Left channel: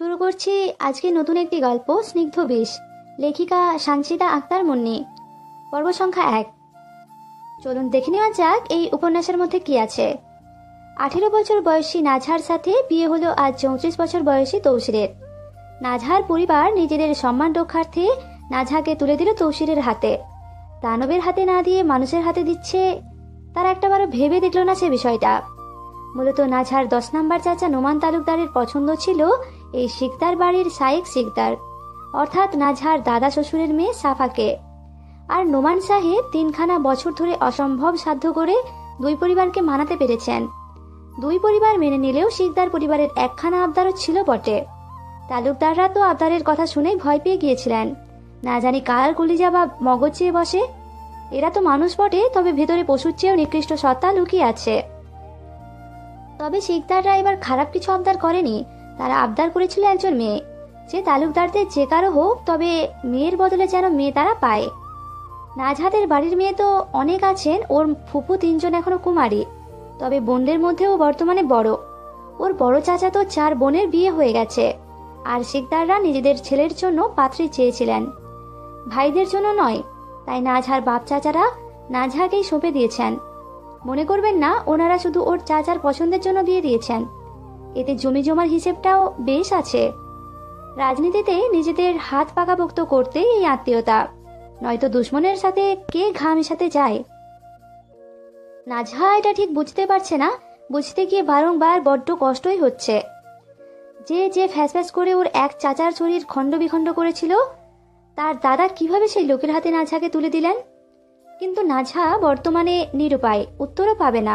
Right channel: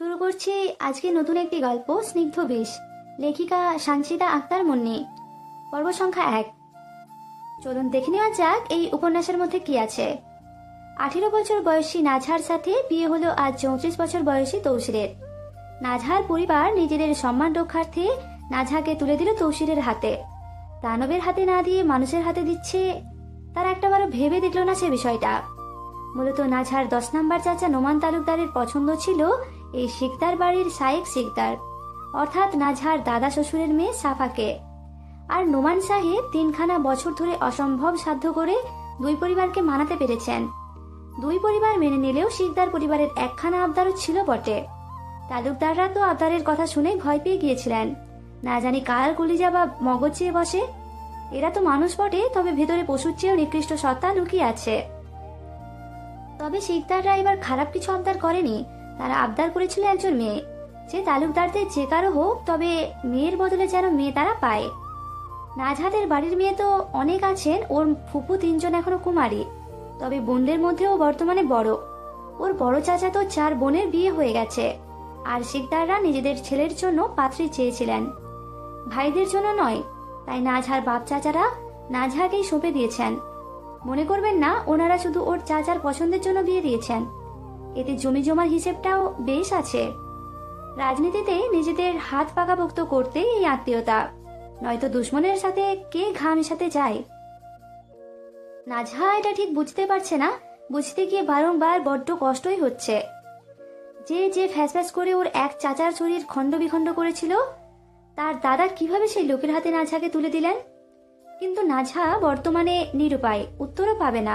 শুরু করছি আজকে নতুন একটি গল্প, স্নিগ্ধ বিষ। লেখিকা সানজিদা আক্তার মুন্নি। পর্ব সংখ্যা 1। চলুন দেখে নেওয়া যাক এই উপন্যাসের মধ্যে কি আছে। 18 বছর বয়সী নাজহার সাথে বিয়ে হলো আজ 34 বছর বয়সী তৌসিরের। নাজহার পরিবার নিজেদের সম্মান রক্ষার্থে নাজহাকে তুলে দিল তৌসিরের হাতে। দানবের হাতে না দিয়ে মানুষের হাতে দিচ্ছে, তারা একটাবারও ভেবে দেখল না সে বিষয়টা। মূলত নাজহার 10 নম্বর চাচা নোমান তালুকদারের পছন্দ ছিল এই শিকদার বাড়ির সাইক শিকদার, অর্থাৎ নাজহার দাদা শ্বশুরের মেয়ে সাফাকে। আর নোমান সাহেব 3খানা বছর ধরে অসম্ভব সাধ্য করে দুই পরিবারকে মানাতে পেরেছেন। দুই পরিবার মেনে নিলেও শিকদার পরিবারের একখানা আবদারও ছিল বটে। তালুকদাররা তো আবদারের কথা শুনে ভয় পেয়ে গিয়েছিলেন, না জানি কার কলিজা বা মগজ চেয়ে বসে। এরা তো মানুষ বটে, তবে ভেতরে পশুর চেয়েও নিকৃষ্ট সত্তা লুকিয়ে আছে। তবে শিকদাররা এবার খারাপ কিছু আবদার করেনি। তারা আবদার করেছিল একজন মেয়ে, যে তালুকদারদের যে কারো হোক, তবে মেয়ের বদলে যেন মেয়ে তারা পায়। নাজহাদের বাড়ির মেয়ে তো অনেক আছেন, ওর ফুপু 3জন এখনো কুমারী, তবে বোনদের মধ্যেও বর্তমানে বড়। ওর বড় চাচা তো 4 বোনের বিয়ে হয়ে গেছে। আর শিকদাররা নিজেদের ছেলের জন্য পাত্রী চেয়েছিলেন, ভাইদের জন্য নয়। তাই নাজহার বাপ চাচারা নাজহাকেই সঁপে দিয়েছেন। মনে করবেন না ওনারা শুধু ওর চাচার পছন্দের জন্য বিয়ে দিয়েছেন, এতে জমি জমার হিসেবটাও বেশ আছে। রাজনীতিতে নিজেদের হাত পাকাপোক্ত করতে এই আত্মীয়তা, নয়তো দুশ্মনের সাথে কে ঘা মেশাতে যায়। নাজহা এটা ঠিক বুঝতে পারছে না, বুঝতে গিয়ে বারংবার বড্ড কষ্টই হচ্ছে। যে ফ্যাসফ্যাস করে ওর এক চাচার শরীর খণ্ড বিখণ্ড করেছিল, তার দাদা কিভাবে সেই লোকের হাতে নাজহাকে তুলে দিলেন। কিন্তু নাজহা বর্তমানে নিরুপায়, উত্তরও পাবে না।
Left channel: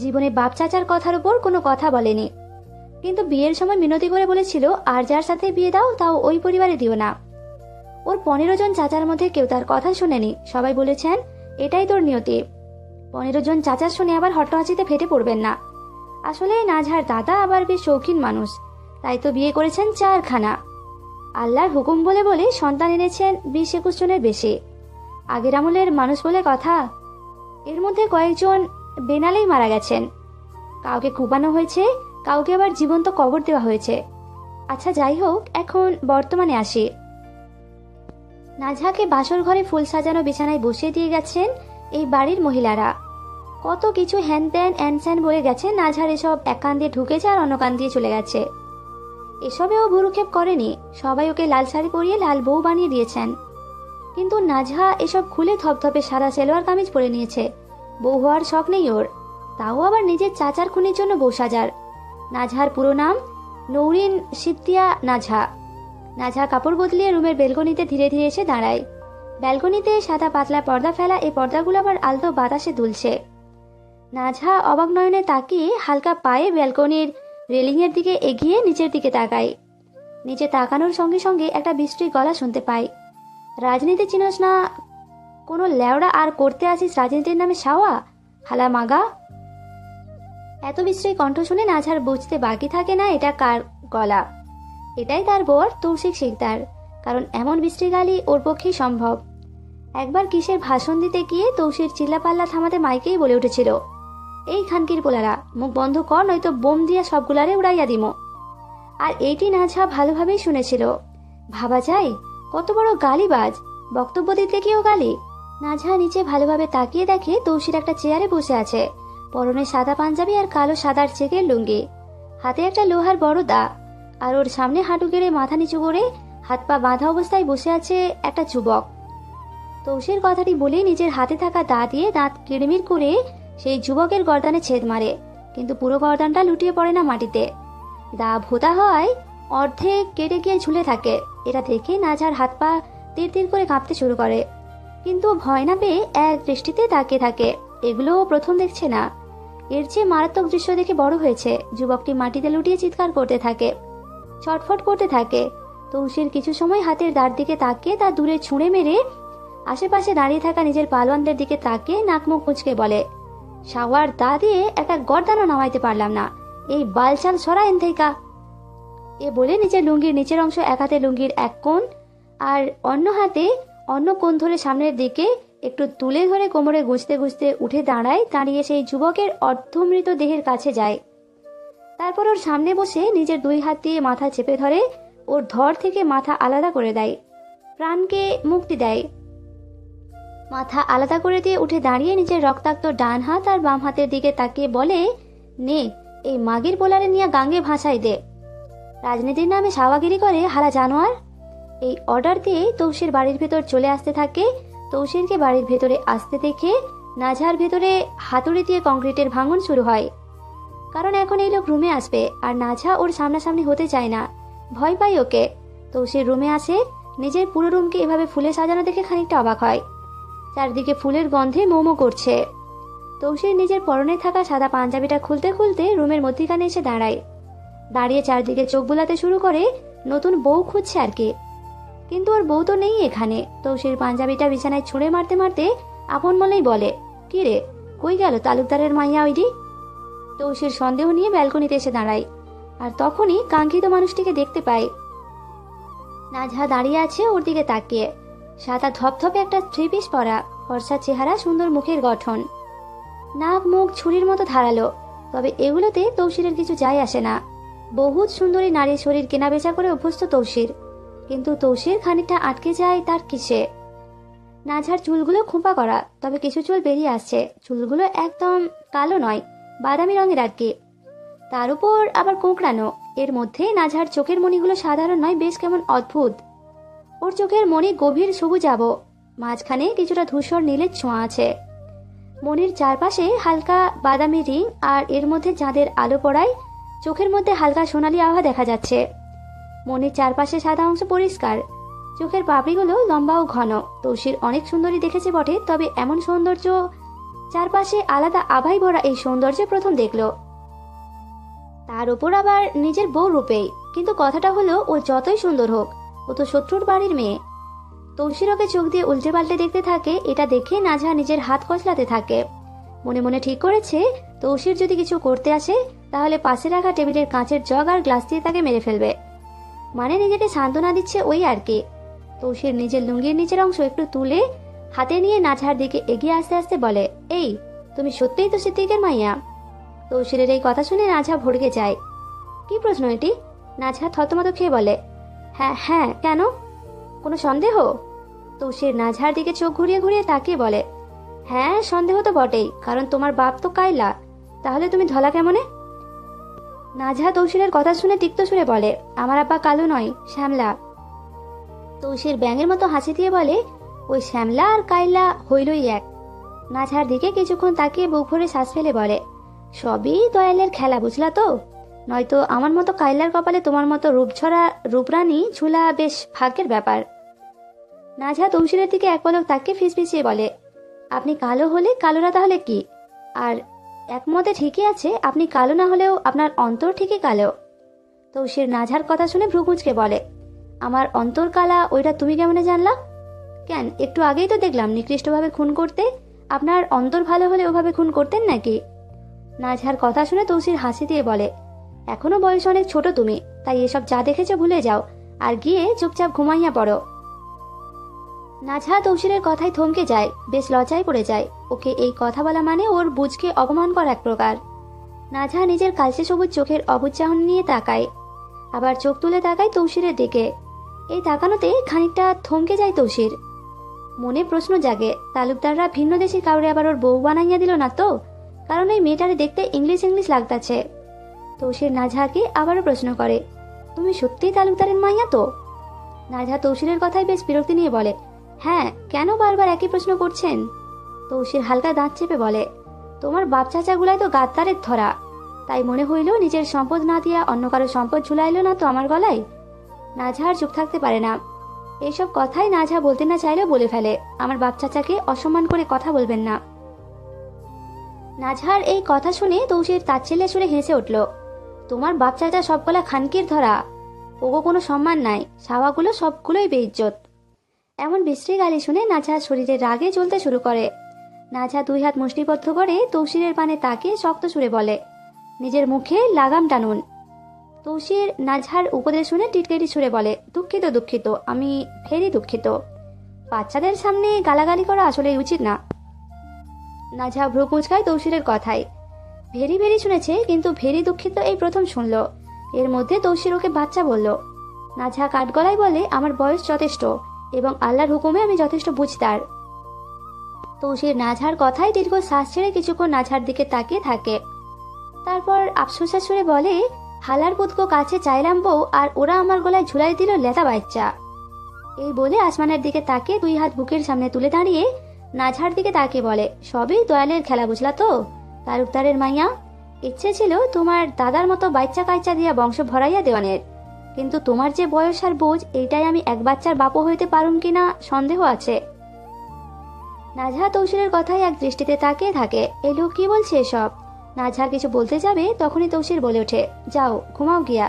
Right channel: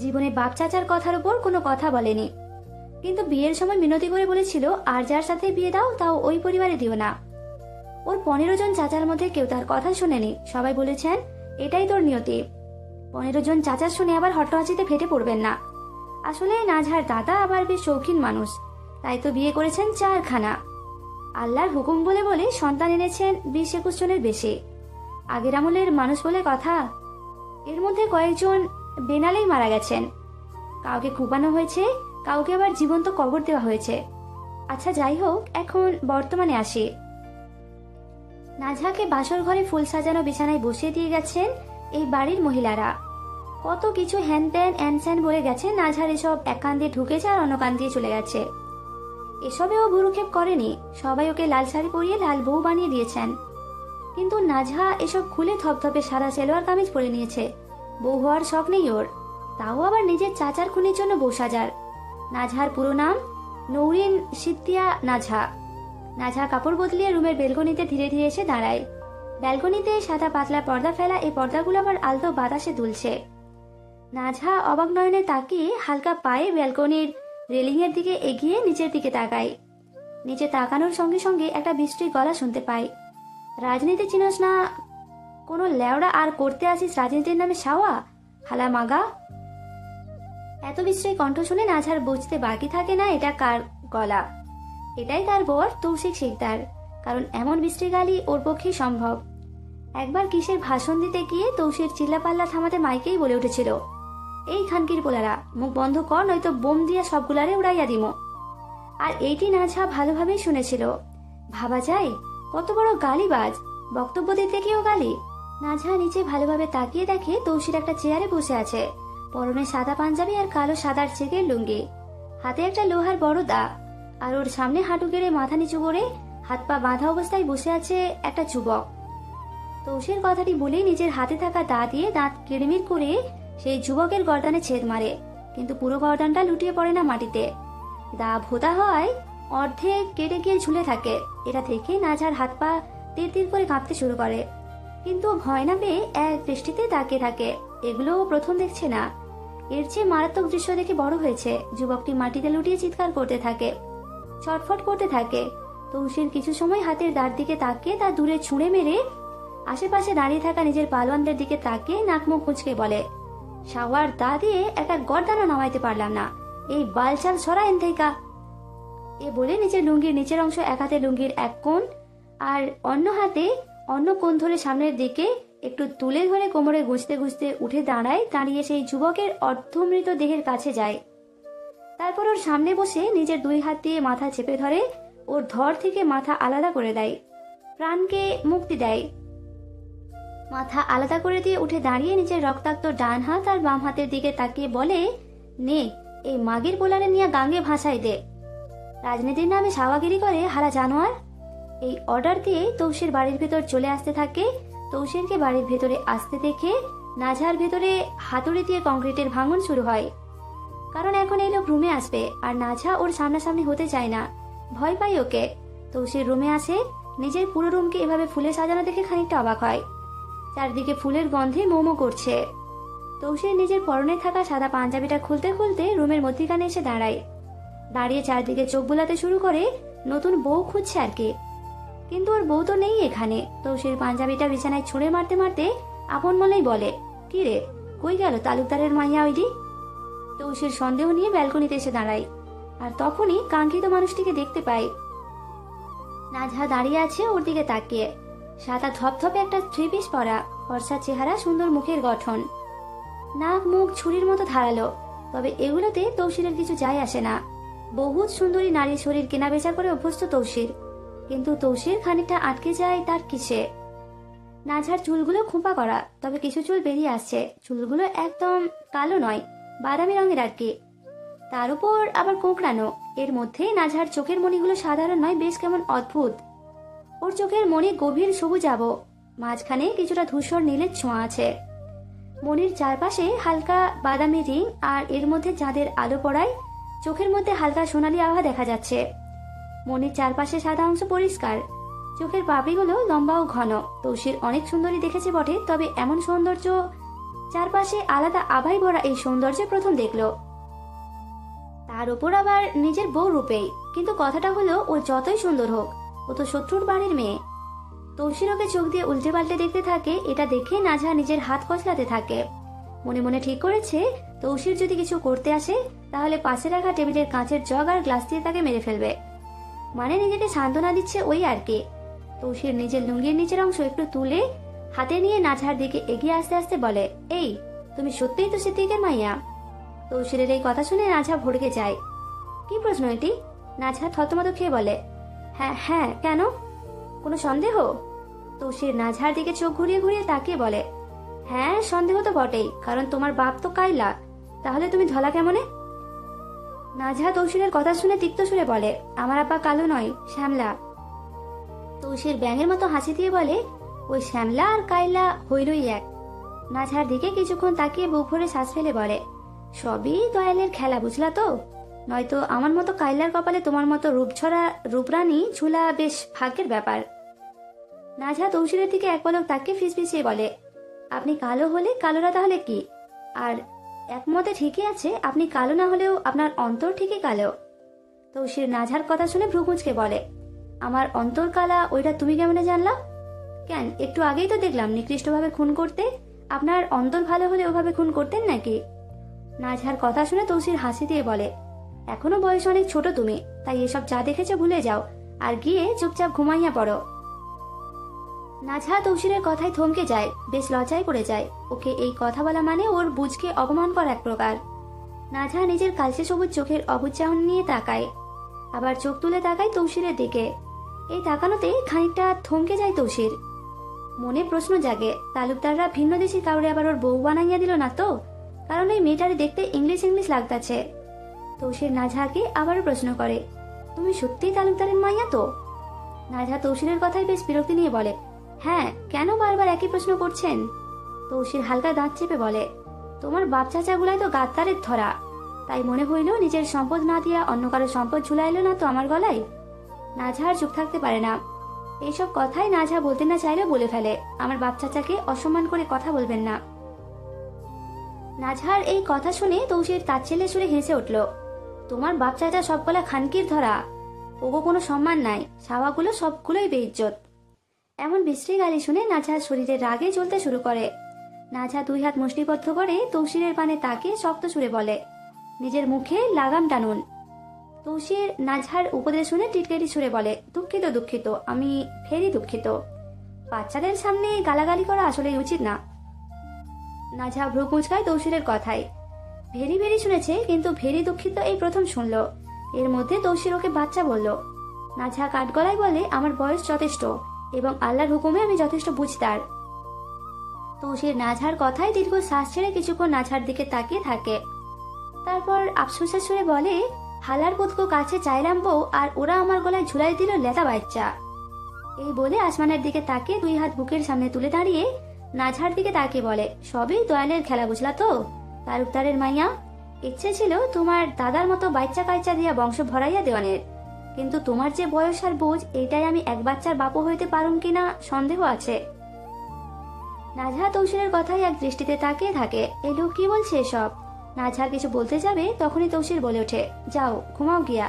জীবনে বাপ চাচার কথার উপর কোনো কথা বলেনি, কিন্তু বিয়ের সময় মিনতি করে বলেছিল আর যার সাথে বিয়ে দাও তাও ওই পরিবারে দিও না। ওর 15 জন চাচার মধ্যে কেউ তার কথা শোনেনি, সবাই বলেছেন এটাই তোর নিয়তি। 15 জন চাচার শুনে আবার হট্টহাসিতে ফেটে পড়বেন না। আসলে নাজহার দাদা আবার বেশ শৌখিন মানুষ, তাই তো বিয়ে করেছেন 4খানা। আল্লাহর হুকুম বলে বলে সন্তান এনেছেন 20-21 জনের বেশি। আগের আমলের মানুষ বলে কথা। এর মধ্যে কয়েকজন বেনালেই মারা গেছেন, কাউকে কুপানো হয়েছে, কাউকে আবার জীবন্ত কবর দেওয়া হয়েছে। আচ্ছা যাই হোক, এখন বর্তমানে আসি। নাজহাকে বাসর ঘরে ফুল সাজানো বিছানায় বসিয়ে দিয়ে গেছেন এই বাড়ির মহিলারা। কত কিছু হ্যান ত্যান অ্যানস্যান বলে গেছে, নাজহার এসব এক কান দিয়ে ঢুকেছে আর অন্য কান দিয়ে চলে গেছে। এসবেও ভুরুক্ষেপ করেনি, সবাই ওকে লাল শাড়ি পরিয়ে লাল বউ বানিয়ে দিয়েছেন। কিন্তু নাজহা এসব খুলে থপথপে সাদা সেলোয়ার কামিজ পরে নিয়েছে। বউ হওয়ার শখ নেই ওর, তাও আবার নিজের চাচার খুনির জন্য বউ সাজার। নাজহার পুরো নাম নৌরিন সিদ্দিয়া নাজহা। নাজহা কাপড় বদলিয়ে রুমের বেলকনিতে ধীরে ধীরে এসে দাঁড়ায়। ব্যালকনিতে সাদা পাতলা পর্দা ফেলা, এই পর্দাগুলো আবার আলতো বাতাসে দুলছে। নাজহা অবাক নয়নে তাকিয়ে হালকা পায়ে ব্যালকনির রেলিং এর দিকে এগিয়ে নিচের দিকে তাকায়। নিচে তাকানোর সঙ্গে সঙ্গে একটা বৃষ্টির গলা শুনতে পায়। রাজনীতি চিনোস না? কোনো লেওড়া আর করতে আসিস রাজনীতির নামে সাওয়া হালা মাগা। এত বিশ্রী কণ্ঠ শুনে নাজহার বুঝতে বাকি থাকে না এটা কার গলা। এটাই তার বর তৌসিক শিকদার, কারণ এমন বিশ্রী গালি ওর পক্ষেই সম্ভব। একবার কিসের ভাষণ দিতে গিয়ে তৌসির চিল্লাপাল্লা থামাতে মাইকেই বলে উঠেছিল, এই খানকির পোলারা মুখ বন্ধ কর, নয়তো বোম দিয়ে সবগুলারে উড়াইয়া দিমো। আর এইটি নাজহা ভালোভাবেই শুনেছিল। ভাবা যায় কত বড় গালিবাজ, বক্তব্য দিতে গিয়েও গালি। নাজহা নিচে ভালোভাবে তাকিয়ে দেখে তৌসির একটা চেয়ারে বসে আছে, পরনে সাদা পাঞ্জাবি আর কালো সাদার চেকের লুঙ্গি, হাতে একটা লোহার বড় দা, আর ওর সামনে হাঁটু গেড়ে মাথা নিচু করে হাত পা বাঁধা অবস্থায় বসে আছে একটা যুবক। তৌসির কথাটি বলেই নিজের হাতে থাকা দা দিয়ে দাঁত কিড়মির করে সেই যুবকের গর্দানে ছেদ মারে, কিন্তু পুরো গর্দানটা লুটিয়ে পড়ে না মাটিতে। দা ভোঁতা হয়, অর্ধেক কেটে গিয়ে ঝুলে থাকে। এটা দেখে নাজহার হাত পা তীর তীর করে কাঁপতে শুরু করে, কিন্তু ভয় না পেয়ে এক দৃষ্টিতে তাকিয়ে থাকে। এগুলো প্রথম দেখছে না, এর চেয়ে মারাত্মক দৃশ্য দেখে বড় হয়েছে। যুবকটি মাটিতে লুটিয়ে চিৎকার করতে থাকে, ছটফট করতে থাকে। তৌসির কিছু সময় হাতের দাঁড় দিকে তাকিয়ে তা দূরে ছুঁড়ে মেরে আশেপাশে দাঁড়িয়ে থাকা নিজের পালোয়ানদের দিকে তাকিয়ে নাক মুখ কুঁচকে বলে, শাওয়ার দা দিয়ে একটা গর্দানও নামাইতে পারলাম না, এই বালচাল সরা এন থেকে। এ বলে নিজের লুঙ্গির নিচের অংশ এক হাতে লুঙ্গির এক কোণ আর অন্য হাতে অন্য কোণ ধরে সামনের দিকে একটু তুলে ধরে কোমরে গুজতে গুজতে উঠে দাঁড়িয়ে সেই যুবকের অর্ধমৃত দেহের কাছে যায়। তারপর ওর সামনে বসে নিজের 2 হাত দিয়ে মাথা চেপে ধরে ওর ধর থেকে মাথা আলাদা করে দেয়, প্রাণকে মুক্তি দেয়। মাথা আলাদা করে দিয়ে উঠে দাঁড়িয়ে নিজের রক্তাক্ত ডান হাত আর বাম হাতের দিকে তাকিয়ে বলে, নে এই মাগির বোলারে নিয়ে গাঙ্গে ভাসাই দে। রাজনীতির নামে সাওয়াগিরি করে হারা জানোয়ার। এই অর্ডার দিয়ে তৌসির বাড়ির ভেতর চলে আসতে থাকে। তৌসিরকে বাড়ির ভেতরে আসতে দেখে নাজহার ভেতরে হাতুড়ি দিয়ে কংক্রিটের ভাঙন শুরু হয়। কারণ এখন এই লোক রুমে আসবে আর নাজহা ওর সামনাসামনি হতে চায় না, ভয় পায় ওকে। তৌসির রুমে আসে, নিজের পুরো রুমকে এভাবে ফুলে সাজানো দেখে খানিকটা অবাক হয়। চারদিকে ফুলের গন্ধে মোমো করছে। তৌসির নিজের পরনে থাকা সাদা পাঞ্জাবিটা খুলতে খুলতে রুমের মধ্যিখানে এসে দাঁড়ায়। দাঁড়িয়ে চারদিকে চোখ বোলাতে শুরু করে, নতুন বউ খুঁজছে আর কি। কিন্তু ওর বউ তো নেই এখানে। তৌসির পাঞ্জাবিটা বিছানায় ছুঁড়ে মারতে মারতে আপন মনেই বলে, কি রে, কই গেল তালুকদারের মাইয়া ওইডি? তৌসির সন্দেহ নিয়ে ব্যালকনিতে এসে দাঁড়ায়, আর তখনই কাঙ্ক্ষিত মানুষটিকে দেখতে পায়। নাজহা দাঁড়িয়ে আছে ওর দিকে তাকিয়ে। সাদা ধপধপে একটা 3 পিস পরা, ফর্সা চেহারা, সুন্দর মুখের গঠন, নাক মুখ ছুরির মতো ধারালো। তবে এগুলোতে তৌসিরের কিছু যায় আসে না। বহুত সুন্দরী নারীর শরীর কেনা বেচা করে অভ্যস্ত তৌসির, কিন্তু তৌসির খানিকটা আটকে যায় তার কিসে। নাজহার চুলগুলো খোঁপা করা, তবে কিছু চুল বেরিয়ে আসছে। চুলগুলো একদম কালো নয়, বাদামি রঙের আর কি, তার উপর আবার কোঁকড়ানো। এর মধ্যে নাজহার চোখের মণিগুলো সাধারণ নয়, বেশ কেমন অদ্ভুত। ওর চোখের মণি গভীর সবুজাভ, মাঝখানে কিছুটা ধূসর নীলের ছোঁয়া আছে। মণির চারপাশে হালকা বাদামি রিং, আর এর মধ্যে চাঁদের আলো পড়ায় চোখের মধ্যে হালকা সোনালি আভা দেখা যাচ্ছে। মণির চারপাশে সাদা অংশ পরিষ্কার, চোখের পাপড়িগুলো লম্বা ও ঘন। তৌসির অনেক সুন্দরী দেখেছে বটে, তবে এমন সৌন্দর্য, চারপাশে আলাদা আভায় ভরা এই সৌন্দর্যে প্রথম দেখলো। তার উপর আবার নিজের বউ রূপেই। কিন্তু কথাটা হলো, ও যতই সুন্দর হোক, ও তো শত্রুর বাড়ির মেয়ে। তৌসির ওকে চোখ দিয়ে উল্টে পাল্টে দেখতে থাকে। এটা দেখে নাজহা নিজের হাত কচলাতে থাকে। মনে মনে ঠিক করেছে, তৌসির যদি কিছু করতে আসে তাহলে পাশে রাখা টেবিলের কাঁচের জগ আর গ্লাস দিয়ে তাকে মেরে ফেলবে। মানে নিজেকে সান্ত্বনা দিচ্ছে ওই আর কি। তৌসির নিজের লুঙ্গির নিচের অংশ একটু তুলে হাতে নিয়ে নাজহার দিকে এগিয়ে আসতে আসতে বলে, এই তুমি সত্যিই তো সিদ্দিকের মাইয়া? তৌসিরের এই কথা শুনে নাজহা ভড়কে যায়। কি প্রশ্ন এটি? নাজহা থতমত খেয়ে বলে, হ্যাঁ হ্যাঁ, কেন, কোনো সন্দেহ? তৌসির নাজহার দিকে চোখ ঘুরিয়ে ঘুরিয়ে তাকিয়ে বলে, হ্যাঁ সন্দেহ তো বটেই, কারণ তোমার বাপ তো কায়লা, তাহলে তুমি ধলা কেমনে? নাজহা তৌসিরের কথা শুনে তিক্ত সুরে বলে, আমার আব্বা কালো নয়, শ্যামলা। তৌসির ব্যাঙের মতো হাসি দিয়ে বলে, ওই শ্যামলা আর কায়লা হইলই এক। নাজহার দিকে কিছুক্ষণ তাকিয়ে বুক ভরে শ্বাস ফেলে বলে, সবই দয়ালের খেলা, বুঝলা তো? নয়তো আমার মতো কায়লার কপালে তোমার মতো রূপঝরা রূপরানী ঝুলা বেশ ভাগ্যের ব্যাপার। নাজহা তৌসিরের দিকে এক পলক তাকিয়ে ফিসফিসিয়ে বলে, আপনি কালো হলে কালোরা তাহলে কি? আর একমতে ঠিকই আছে, আপনি কালো না হলেও আপনার অন্তর ঠিকই কালো। তৌসির নাজহার কথা শুনে ভ্রু কুঁচকে বলে, আমার অন্তর কালা, ওইটা তুমি কেমনে জানলা? কেন, একটু আগেই তো দেখলাম নিকৃষ্টভাবে খুন করতে। আপনার অন্তর ভালো হলে ওভাবে খুন করতেন নাকি? নাজহার কথা শুনে তৌসির হাসি দিয়ে বলে, এখনো বয়স অনেক ছোট তুমি, তাই এসব যা দেখেছো ভুলে যাও আর গিয়ে চুপচাপ ঘুমাইয়া পড়ো। নাজহা তৌসিরের কথায় থমকে যায়, বেশ লজ্জায় পড়ে যায়। ওকে এই কথা বলা মানে ওর বুঝকে অপমান করা এক প্রকার। নাজহা নিজের কালচে সবুজ চোখের অবুজ্জাহন নিয়ে তাকায়, আবার চোখ তুলে তাকায় তৌসিরের দিকে। এই তাকানোতে খানিকটা থমকে যায় তৌসির। মনে প্রশ্ন জাগে, তালুকদাররা ভিন্ন দেশি কাউরে আবার ওর বউ বানাইয়া দিল না তো? কারণ এই মেয়েটারে দেখতে ইংলিশ ইংলিশ লাগতাছে। তৌসির নাজহাকে আবারও প্রশ্ন করে, তুমি সত্যিই তালুকদারের মাইয়া তো? নাজহা তৌসিরের কথায় বেশ বিরক্তি নিয়ে বলে, হ্যাঁ, কেন বারবার একই প্রশ্ন করছেন? তৌসির হালকা দাঁত চেপে বলে, তোমার বাপ চাচাগুলাই তো গাদ্দারের ধরা, তাই মনে হইল নিজের সম্পদ না দিয়া অন্য কারো সম্পদ ঝুলাইল না তো আমার গলায়। নাজহা আর চুপ থাকতে পারে না। এইসব কথাই নাজহা বলতে না চাইলেও বলে ফেলে, আমার বাপ চাচাকে অসম্মান করে কথা বলবেন না। নাজহার এই কথা শুনে তৌসির তাচ্ছিল্যে সুরে হেসে উঠল, তোমার বাপ চাচা সবগুলা খানকির ধরা, ওগো কোনো সম্মান নাই, সাওয়াগুলো সবগুলোই বেইজ্জত। এমন বিশ্রী গালি শুনে নাজহার শরীরে রাগে জ্বলতে শুরু করে। নাজহা 2 হাত মুষ্টিবদ্ধ করে তৌসিরের পানে তাকিয়ে শক্ত সুরে বলে, নিজের মুখে লাগাম টানুন। তৌসির নাজহার উপদেশ শুনে টিটকেটি সুরে বলে, দুঃখিত দুঃখিত, আমি ফেরি দুঃখিত। বাচ্চাদের সামনে গালাগালি করা আসলে উচিত না। নাজহা ভ্রু কুঁচকায় তৌসিরের কথায়। ভেরি ভেরি শুনেছে, কিন্তু ভেরি দুঃখিত এই প্রথম শুনলো। এর মধ্যে তৌসির ওকে বাচ্চা বলল। নাজহা কাঠগলায় বলে, আমার বয়স যথেষ্ট এবং আল্লাহর হুকুমে আমি যথেষ্ট বুঝদার। তৌসির নাজহার কথায় দীর্ঘ শ্বাস ছেড়ে কিছুক্ষণ নাজহার দিকে তাকিয়ে থাকে। তারপর আফসোসের সুরে বলে, হালার পুতকো কাছে চাইলাম বউ, আর ওরা আমার গলায় ঝুলাই দিল লেদা বাচ্চা। এই বলে আসমানের দিকে তাকিয়ে 2 হাত বুকের সামনে তুলে দাঁড়িয়ে নাজহার দিকে তাকিয়ে বলে, সবই দয়ালের খেলা, বুঝলা তো তালুকদারের মাইয়া। ইচ্ছে ছিল তোমার দাদার মতো বাচ্চা কাচ্চা দিয়া বংশ ভরাইয়া দেওয়ানের, কিন্তু তোমার যে বয়স আর বোঝ, এইটাই আমি এক বাচ্চার বাপও হইতে পারুম কিনা সন্দেহ আছে। নাজহা তৌসিরের কথায় এক দৃষ্টিতে তাকিয়ে থাকে। এই লোক কি বলছে এসব? নাজহা কিছু বলতে যাবে, তখনই তৌসির বলে ওঠে, যাও ঘুমাও গিয়া,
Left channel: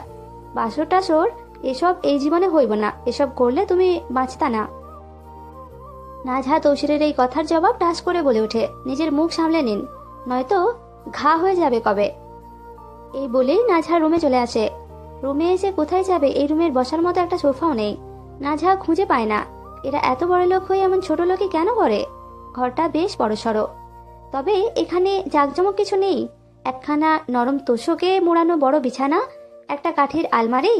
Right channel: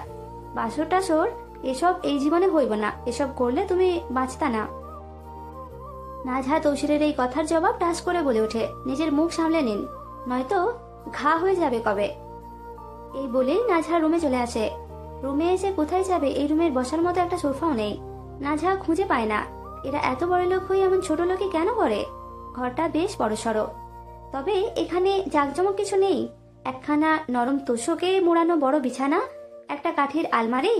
বাসর টাসর এসব এই জীবনে হইব না, এসব করলে তুমি বাঁচতা না। নাজহা তৌসিরের এই কথার জবাব টাস করে বলে ওঠে, নিজের মুখ সামলে নিন, নয়তো ঘা হয়ে যাবে কবে। এই বলেই নাজহা রুমে চলে আসে। রুমে এসে কোথায় যাবে, এই রুমের বসার মতো একটা সোফাও নেই। নাজহা খুঁজে পায় না। এরা এত বড় লোক হয়ে এমন ছোট লোকই কেন করে? ঘরটা বেশ বড়সড়, তবে এখানে জাঁকজমক কিছু নেই। একখানা নরম তোষকে মোড়ানো বড় বিছানা, একটা কাঠের আলমারি,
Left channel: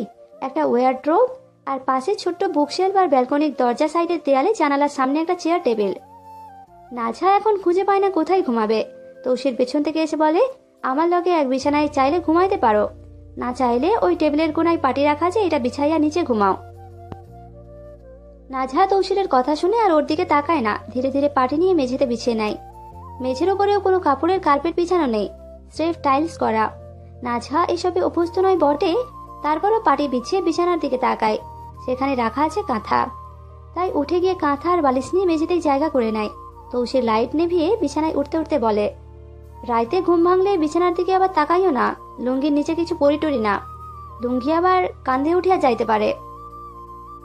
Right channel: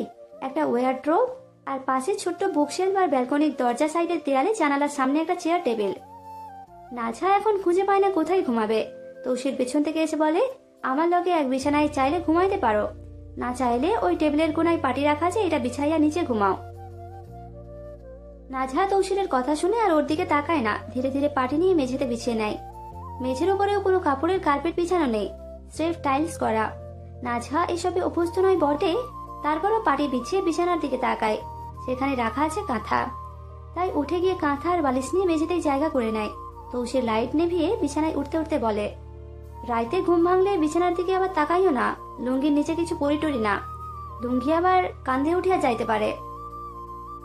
একটা ওয়ারড্রোব, আর পাশে ছোট্ট বুকশেলফ আর ব্যালকনির দরজা সাইডের দেয়ালে জানালার সামনে একটা চেয়ার টেবিল। নাজহা এখন খুঁজে পায় না কোথায় ঘুমাবে। তৌসির পেছন থেকে এসে বলে, আমার লগে এক বিছানায় চাইলে ঘুমাইতে পারো, না চাইলে ওই টেবিলের কোনায় পাটি রাখা আছে, এটা বিছাইয়া নিচে ঘুমাও। নাজহা তৌসিরের কথা শুনে আর ওর দিকে তাকায় না, ধীরে ধীরে পাটি নিয়ে মেঝেতে বিছিয়ে নেয়। মেঝের ওপরেও কোনো কাপড়ের কার্পেট বিছানো নেই, স্রেফ টাইলস করা। নাজহা এসবে অভ্যস্ত নয় বটে, তারপরও পাটি বিছিয়ে বিছানার দিকে তাকায়। সেখানে রাখা আছে কাঁথা, তাই উঠে গিয়ে কাঁথা আর বালিশ নিয়ে মেঝেতেই জায়গা করে নেয়। তৌসির লাইট নেভিয়ে বিছানায় উঠতে উঠতে বলে, রাইতে ঘুম ভাঙলে বিছানার দিকে আবার তাকাইও না, লুঙ্গির নিচে কিছু পরিটরি না, লুঙ্গি আবার কান্ধে উঠিয়া যাইতে পারে।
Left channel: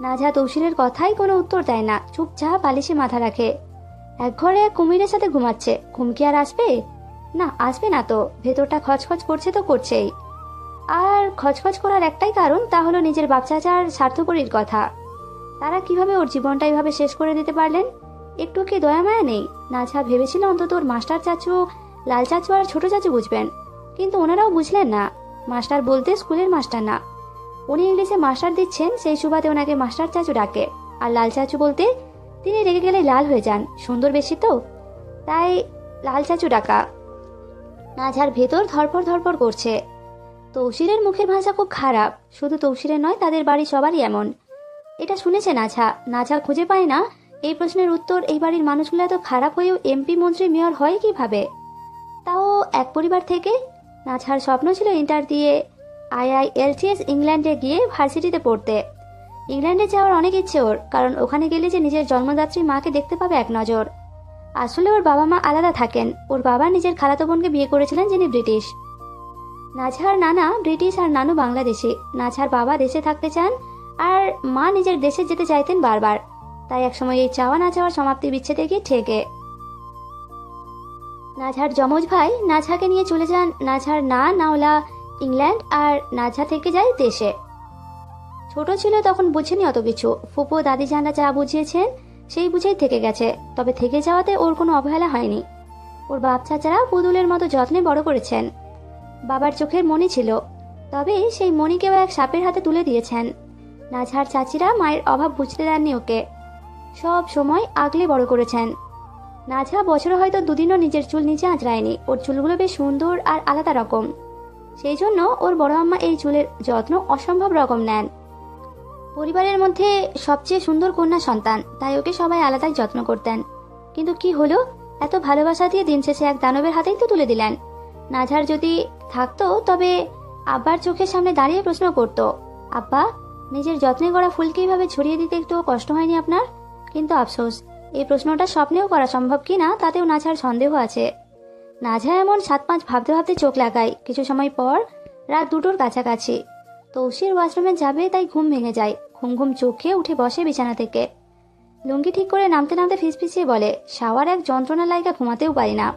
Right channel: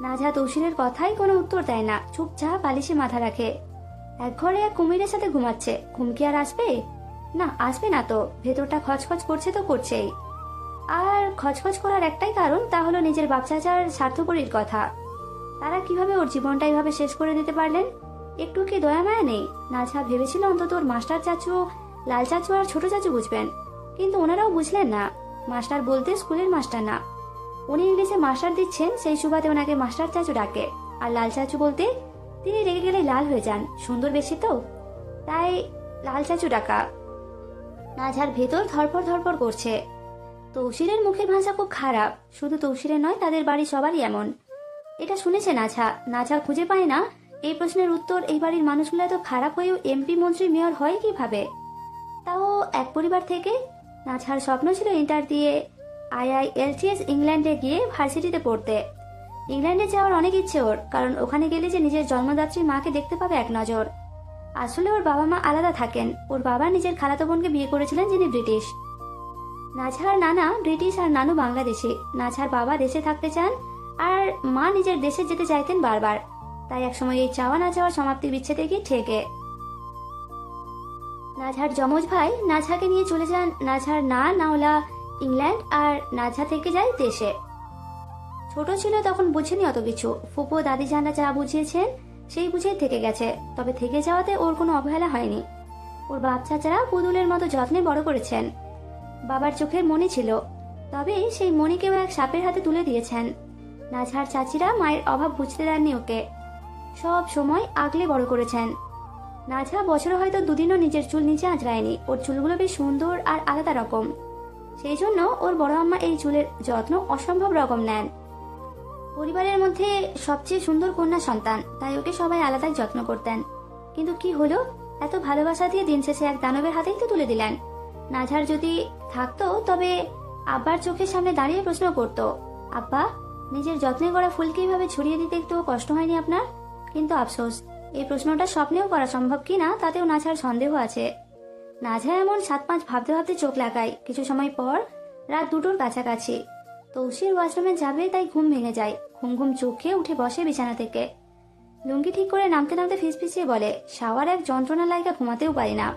নাজহা তৌসিরের কথায় কোনো উত্তর দেয় না, চুপচাপ বালিশে মাথা রাখে। এক ঘরে এক কুমিরের সাথে ঘুমাচ্ছে, ঘুম কি আর আসবে? না, আসবে না তো, ভেতরটা খচখচ করছে তো করছেই। আর খচখচ করার একটাই কারণ, তা হলো নিজের বাচ্চাটার স্বার্থপরীর কথা। তারা কিভাবে ওর জীবনটা এইভাবে শেষ করে দিতে পারলেন? একটু কি দয়া মায়া নেই? নাজহা ভেবেছিল অন্তত ওর মাস্টার চাচু, লাল চাচু আর ছোট চাচু বুঝবেন, কিন্তু ওনারাও বুঝলেন না। মাস্টার বলতে স্কুলের মাস্টার না, উনি ইংলিশে মাস্টার দিচ্ছেন, সেই সুবাদে ওনাকে মাস্টার চাচু ডাকে। আর লাল চাচু বলতে তিনি রেগে গেলে লাল হয়ে যান, সুন্দর বেশি তো, তাই লাল চাচু ডাকা। নাজহার ভেতর ধরপড় ধরপড় করছে। তৌসিরের মুখের ভাষা খুব খারাপ, শুধু তৌসিরের নয়, তাদের বাড়ি সবারই এমন। এটা শুনেছে নাজহা। নাজহা খুঁজে পায় না এই প্রশ্নের উত্তর। এই বাড়ির মানুষগুলো এত খারাপ হয়েও এমপি, মন্ত্রী, মেয়র হয় কিভাবে, তাও এক পরিবার থেকে। নাজহার স্বপ্ন ছিল ইন্টার দিয়ে IILTS ইংল্যান্ডে গিয়ে ভার্সিটিতে পড়তে। ইংল্যান্ডে যাওয়ার অনেক ইচ্ছে ওর, কারণ ওখানে গেলে যে নিজের জন্মদাত্রী মাকে দেখতে পাবে এক নজর। আসলে ওর বাবা মা আলাদা থাকেন। ওর বাবা নিজের খালাতো বোনকে বিয়ে করেছিলেন, যিনি ব্রিটিশ। নাজহার নানা ব্রিটিশ আর নানু বাংলাদেশি। নাজহার বাবা দেশে থাকতে চান আর মা নিজের দেশে যেতে চাইতেন বারবার, তাই একসময় এই চাওয়া না চাওয়ার সমাপ্তি বিচ্ছেদে গিয়ে ঠেকে। নাজহার যমজ ভাই নাজহাকে নিয়ে চলে যান নাজহার নাওলা ইংল্যান্ড, আর নাজহা থেকে যায় দেশে। ছোট ছিল তখন বুঝেনি অত কিছু। ফুপো দাদি জানরা যা বুঝিয়েছেন সেই বুঝেই থেকে গেছে, তবে থেকে যাওয়াতে ওর কোনো অবহেলা হয়নি। ওর বাপ চাচারা পুতুলের মতো যত্নে বড় করেছেন। বাবার চোখের মনি ছিল, তবে সেই মনিকেও এক সাপের হাতে তুলে দিয়েছেন। নাজহার চাচিরা মায়ের অভাব বুঝতে দেননি ওকে, সব সময় আগলে বড় করেছেন। নাজহা বছরে হয়তো দুদিনও নিজের চুল নিচে আঁচড়ায়নি। ওর চুলগুলো বেশ সুন্দর আর আলাদা রকম, সেই জন্য ওর বড় আম্মা এই চুলের যত্ন অসম্ভব রকম নেন। পরিবারের মধ্যে সবচেয়ে সুন্দর কন্যা সন্তান, তাই ওকে সবাই আলাদাই যত্ন করতেন। কিন্তু কি হলো, এত ভালোবাসা দিয়ে দিন শেষে এক দানবের হাতেই তো তুলে দিলেন। নাজহার যদি থাকতো, তবে আব্বার চোখের সামনে দাঁড়িয়ে প্রশ্ন করত, আব্বা, নিজের যত্নে গড়া ফুলকে এইভাবে ছড়িয়ে দিতে একটু কষ্ট হয়নি আপনার? কিন্তু আফসোস, এই প্রশ্নটা স্বপ্নেও করা সম্ভব কিনা তাতেও নাজহার সন্দেহ আছে। নাজহা এমন 7-5 ভাবতে ভাবতে চোখ লাগায়। কিছু সময় পর রাত 2টোর কাছাকাছি তৌসির ওয়াশরুমে যাবে, তাই ঘুম ভেঙে যায়। ঘুম ঘুম চোখে উঠে বসে বিছানা থেকে। লুঙ্গি ঠিক করে নামতে নামতে ফিসফিসিয়ে বলে, শাওয়ার এক যন্ত্রণা লাইগা ঘুমাতেও পারি না।